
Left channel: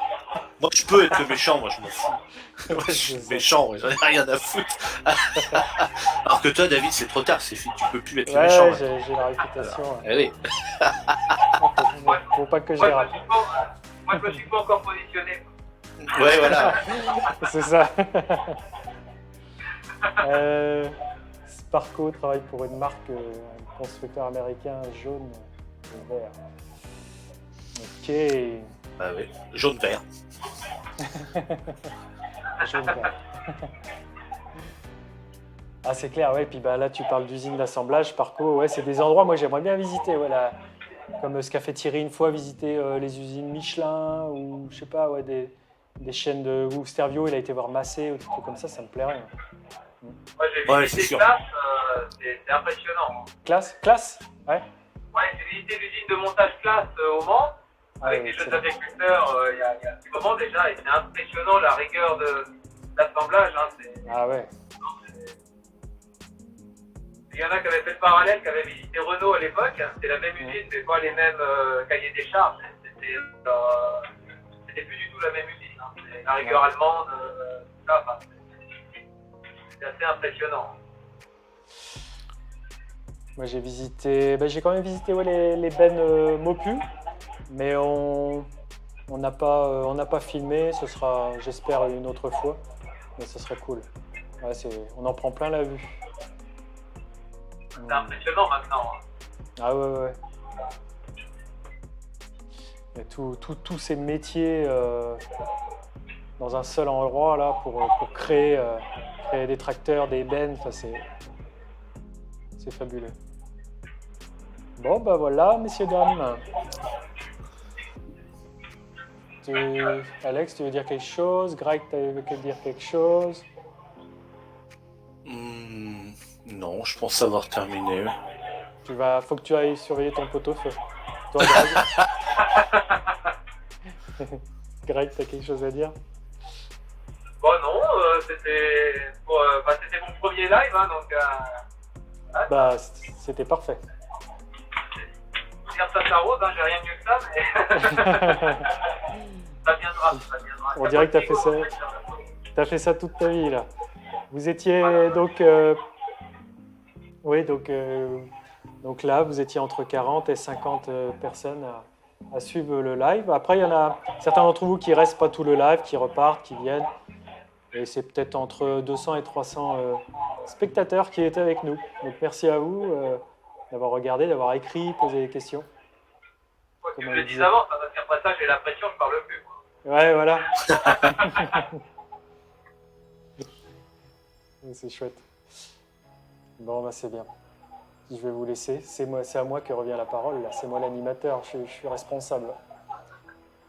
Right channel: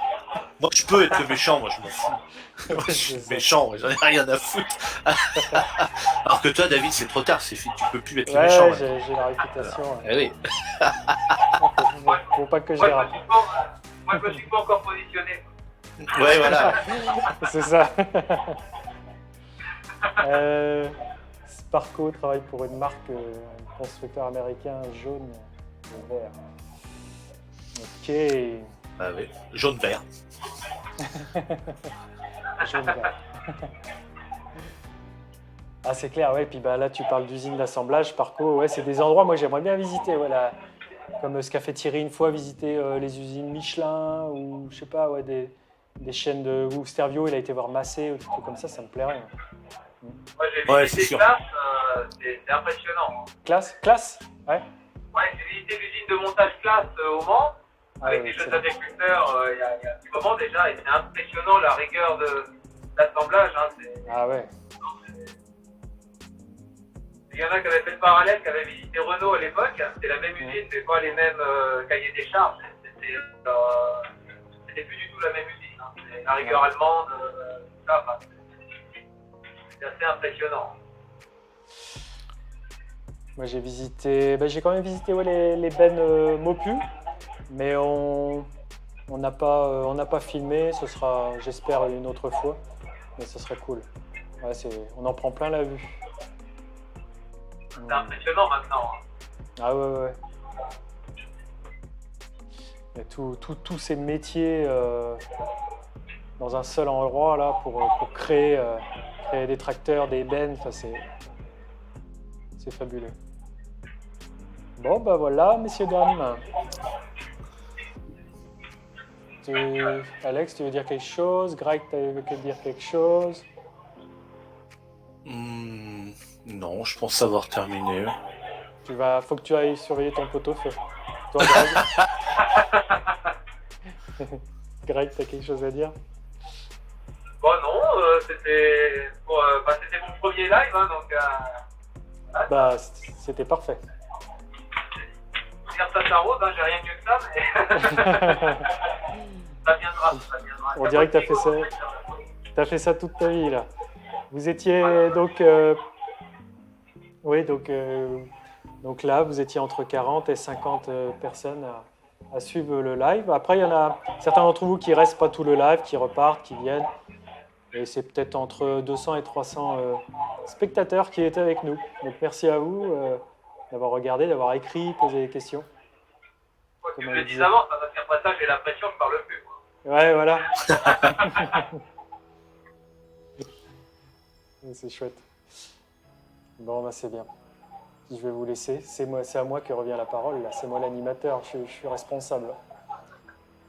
Moi, je peux être le méchant, moi, je m'en fous. Moi, je suis méchant, j'en ai rien à foutre. Alors que toi, David, c'est trop tard, c'est fini, tu peux plus être le méchant. Ouais, j'ai la réputation. Oui. Faut pas que je dérape. Moi, je me suis pas encore positionné. Ouais, voilà. C'est ça. Sparko travaille pour une marque, un constructeur américain jaune et vert. Ok. Ah oui, jaune-vert. Jaune-vert. Ah, c'est clair, ouais. Puis bah, là, tu parles d'usine d'assemblage, Sparko. Ouais, c'est des endroits, moi, j'aimerais bien visiter. Voilà. Comme ce qu'a fait Thierry une fois, visiter les usines Michelin ou, je sais pas, ouais, des chaînes de. Ou Stervio, il a été voir Massé ou des trucs comme ça me plairait. Moi, j'ai visité Classe, c'est impressionnant. Classe Ouais. Ouais, j'ai visité l'usine de montage Classe au Mans, avec des jeunes agriculteurs il y a un petit moment déjà, et c'est impressionnant la rigueur de l'assemblage. Ah ouais. Il y en a qui avaient fait le parallèle, qui avaient visité Renault à l'époque, c'était la même usine, mais pas les mêmes cahiers des charges. C'était plus du tout la même usine. Hein. La rigueur allemande, tout ça, enfin, c'est assez impressionnant. Moi j'ai visité, j'ai quand même visité les bennes Mopu, mais on n'a pas filmé, ce sera j'espère une autre fois, mais ce serait cool. Ouais, on en prend plein la vue. C'est impressionnant maintenant. Hein. Ah ouais. Il y a tous ces métiers dans un seul endroit là pour créer des tracteurs, des bennes, c'est fabuleux. Bon bah voilà, messieurs, dames. Alex, tu veux dire quelque chose? Greg, tu veux dire quelque chose? Non, je pense avoir terminé. Faut que tu ailles surveiller ton pot-au-feu. Toi, Greg. Greg, t'as quelque chose à dire? Bon non, c'était mon premier live, hein, donc... c'était parfait. Dire ça s'arrose, hein, j'ai rien mieux que ça, mais... ça viendra. On dirait que t'as fait ça toute ta vie, là. Vous étiez donc... donc là, vous étiez entre 40 et 50 personnes à suivre le live. Après, il y en a certains d'entre vous qui restent pas tout le live, qui repartent, qui viennent. Et c'est peut-être entre 200 et 300 spectateurs qui étaient avec nous. Donc merci à vous d'avoir regardé, d'avoir écrit, posé des questions. Quoi que je le dise avant, parce qu'après ça, j'ai l'impression que je parle plus. Quoi. Ouais, voilà. C'est chouette. Bon, bah c'est bien. Je vais vous laisser. C'est à moi que revient la parole. Là, c'est moi l'animateur. Je suis responsable.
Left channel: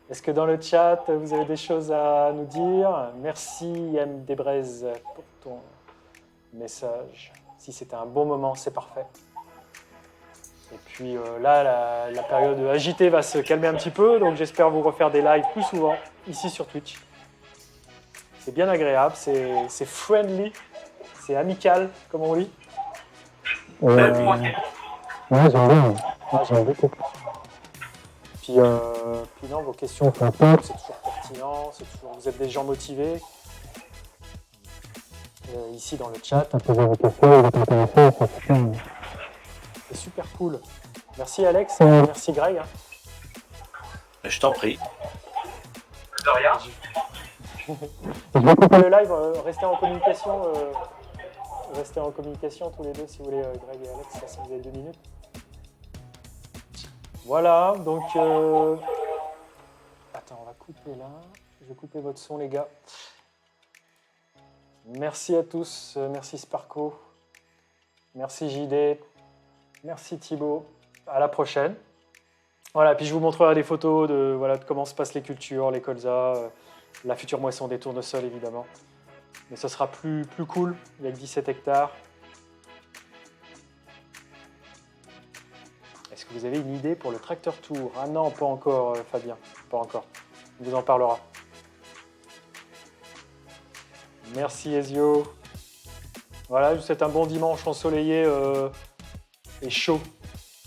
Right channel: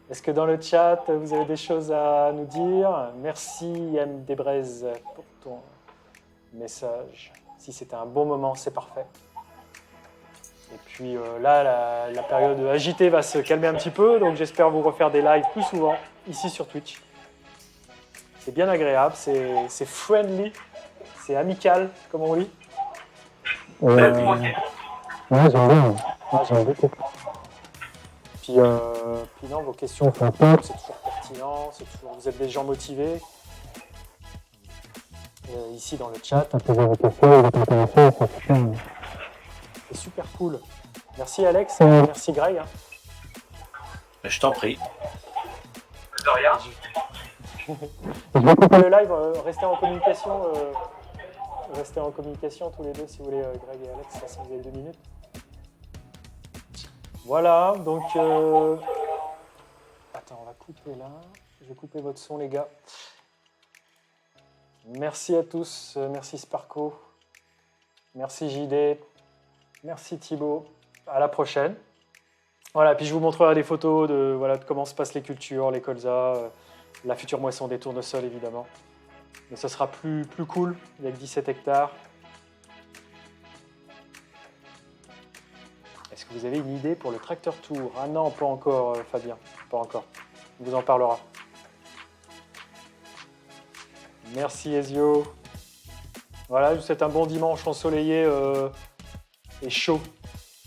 Est-ce que dans le chat, vous avez des choses à nous dire? Merci, M. Desbraises, pour ton message. Si c'était un bon moment, c'est parfait. Et puis là, la période agitée va se calmer un petit peu, donc j'espère vous refaire des lives plus souvent ici sur Twitch. C'est bien agréable, c'est friendly, c'est amical, comme on dit. Ouais, j'aime bien. Ah, j'aime beaucoup. Puis non, vos questions, c'est toujours pertinent, vous êtes des gens motivés. Ici dans le chat. C'est super cool. Merci Alex, merci Greg. Hein. Je t'en prie. De rien. Je vais couper le live, restez en communication tous les deux si vous voulez, Greg et Alex, si vous avez 2 minutes. Voilà, donc... Attends, on va couper là. Je vais couper votre son, les gars. Merci à tous, merci Sparko, merci JD, merci Thibaut. À la prochaine. Voilà, puis je vous montrerai des photos de comment se passent les cultures, les colzas, la future moisson des tournesols évidemment. Mais ce sera plus cool, il n'y a que 17 hectares. Est-ce que vous avez une idée pour le tracteur tour? Ah non, pas encore Fabien, pas encore. On vous en parlera. Merci Ezio. Voilà, je vous souhaite un bon dimanche ensoleillé et chaud.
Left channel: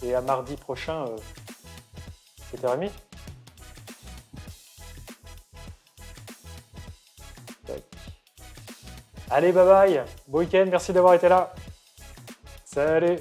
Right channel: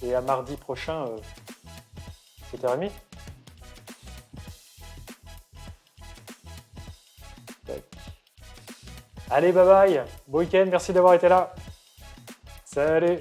Et à mardi prochain, 7h30. Allez, bye bye. Bon week-end, merci d'avoir été là. Salut.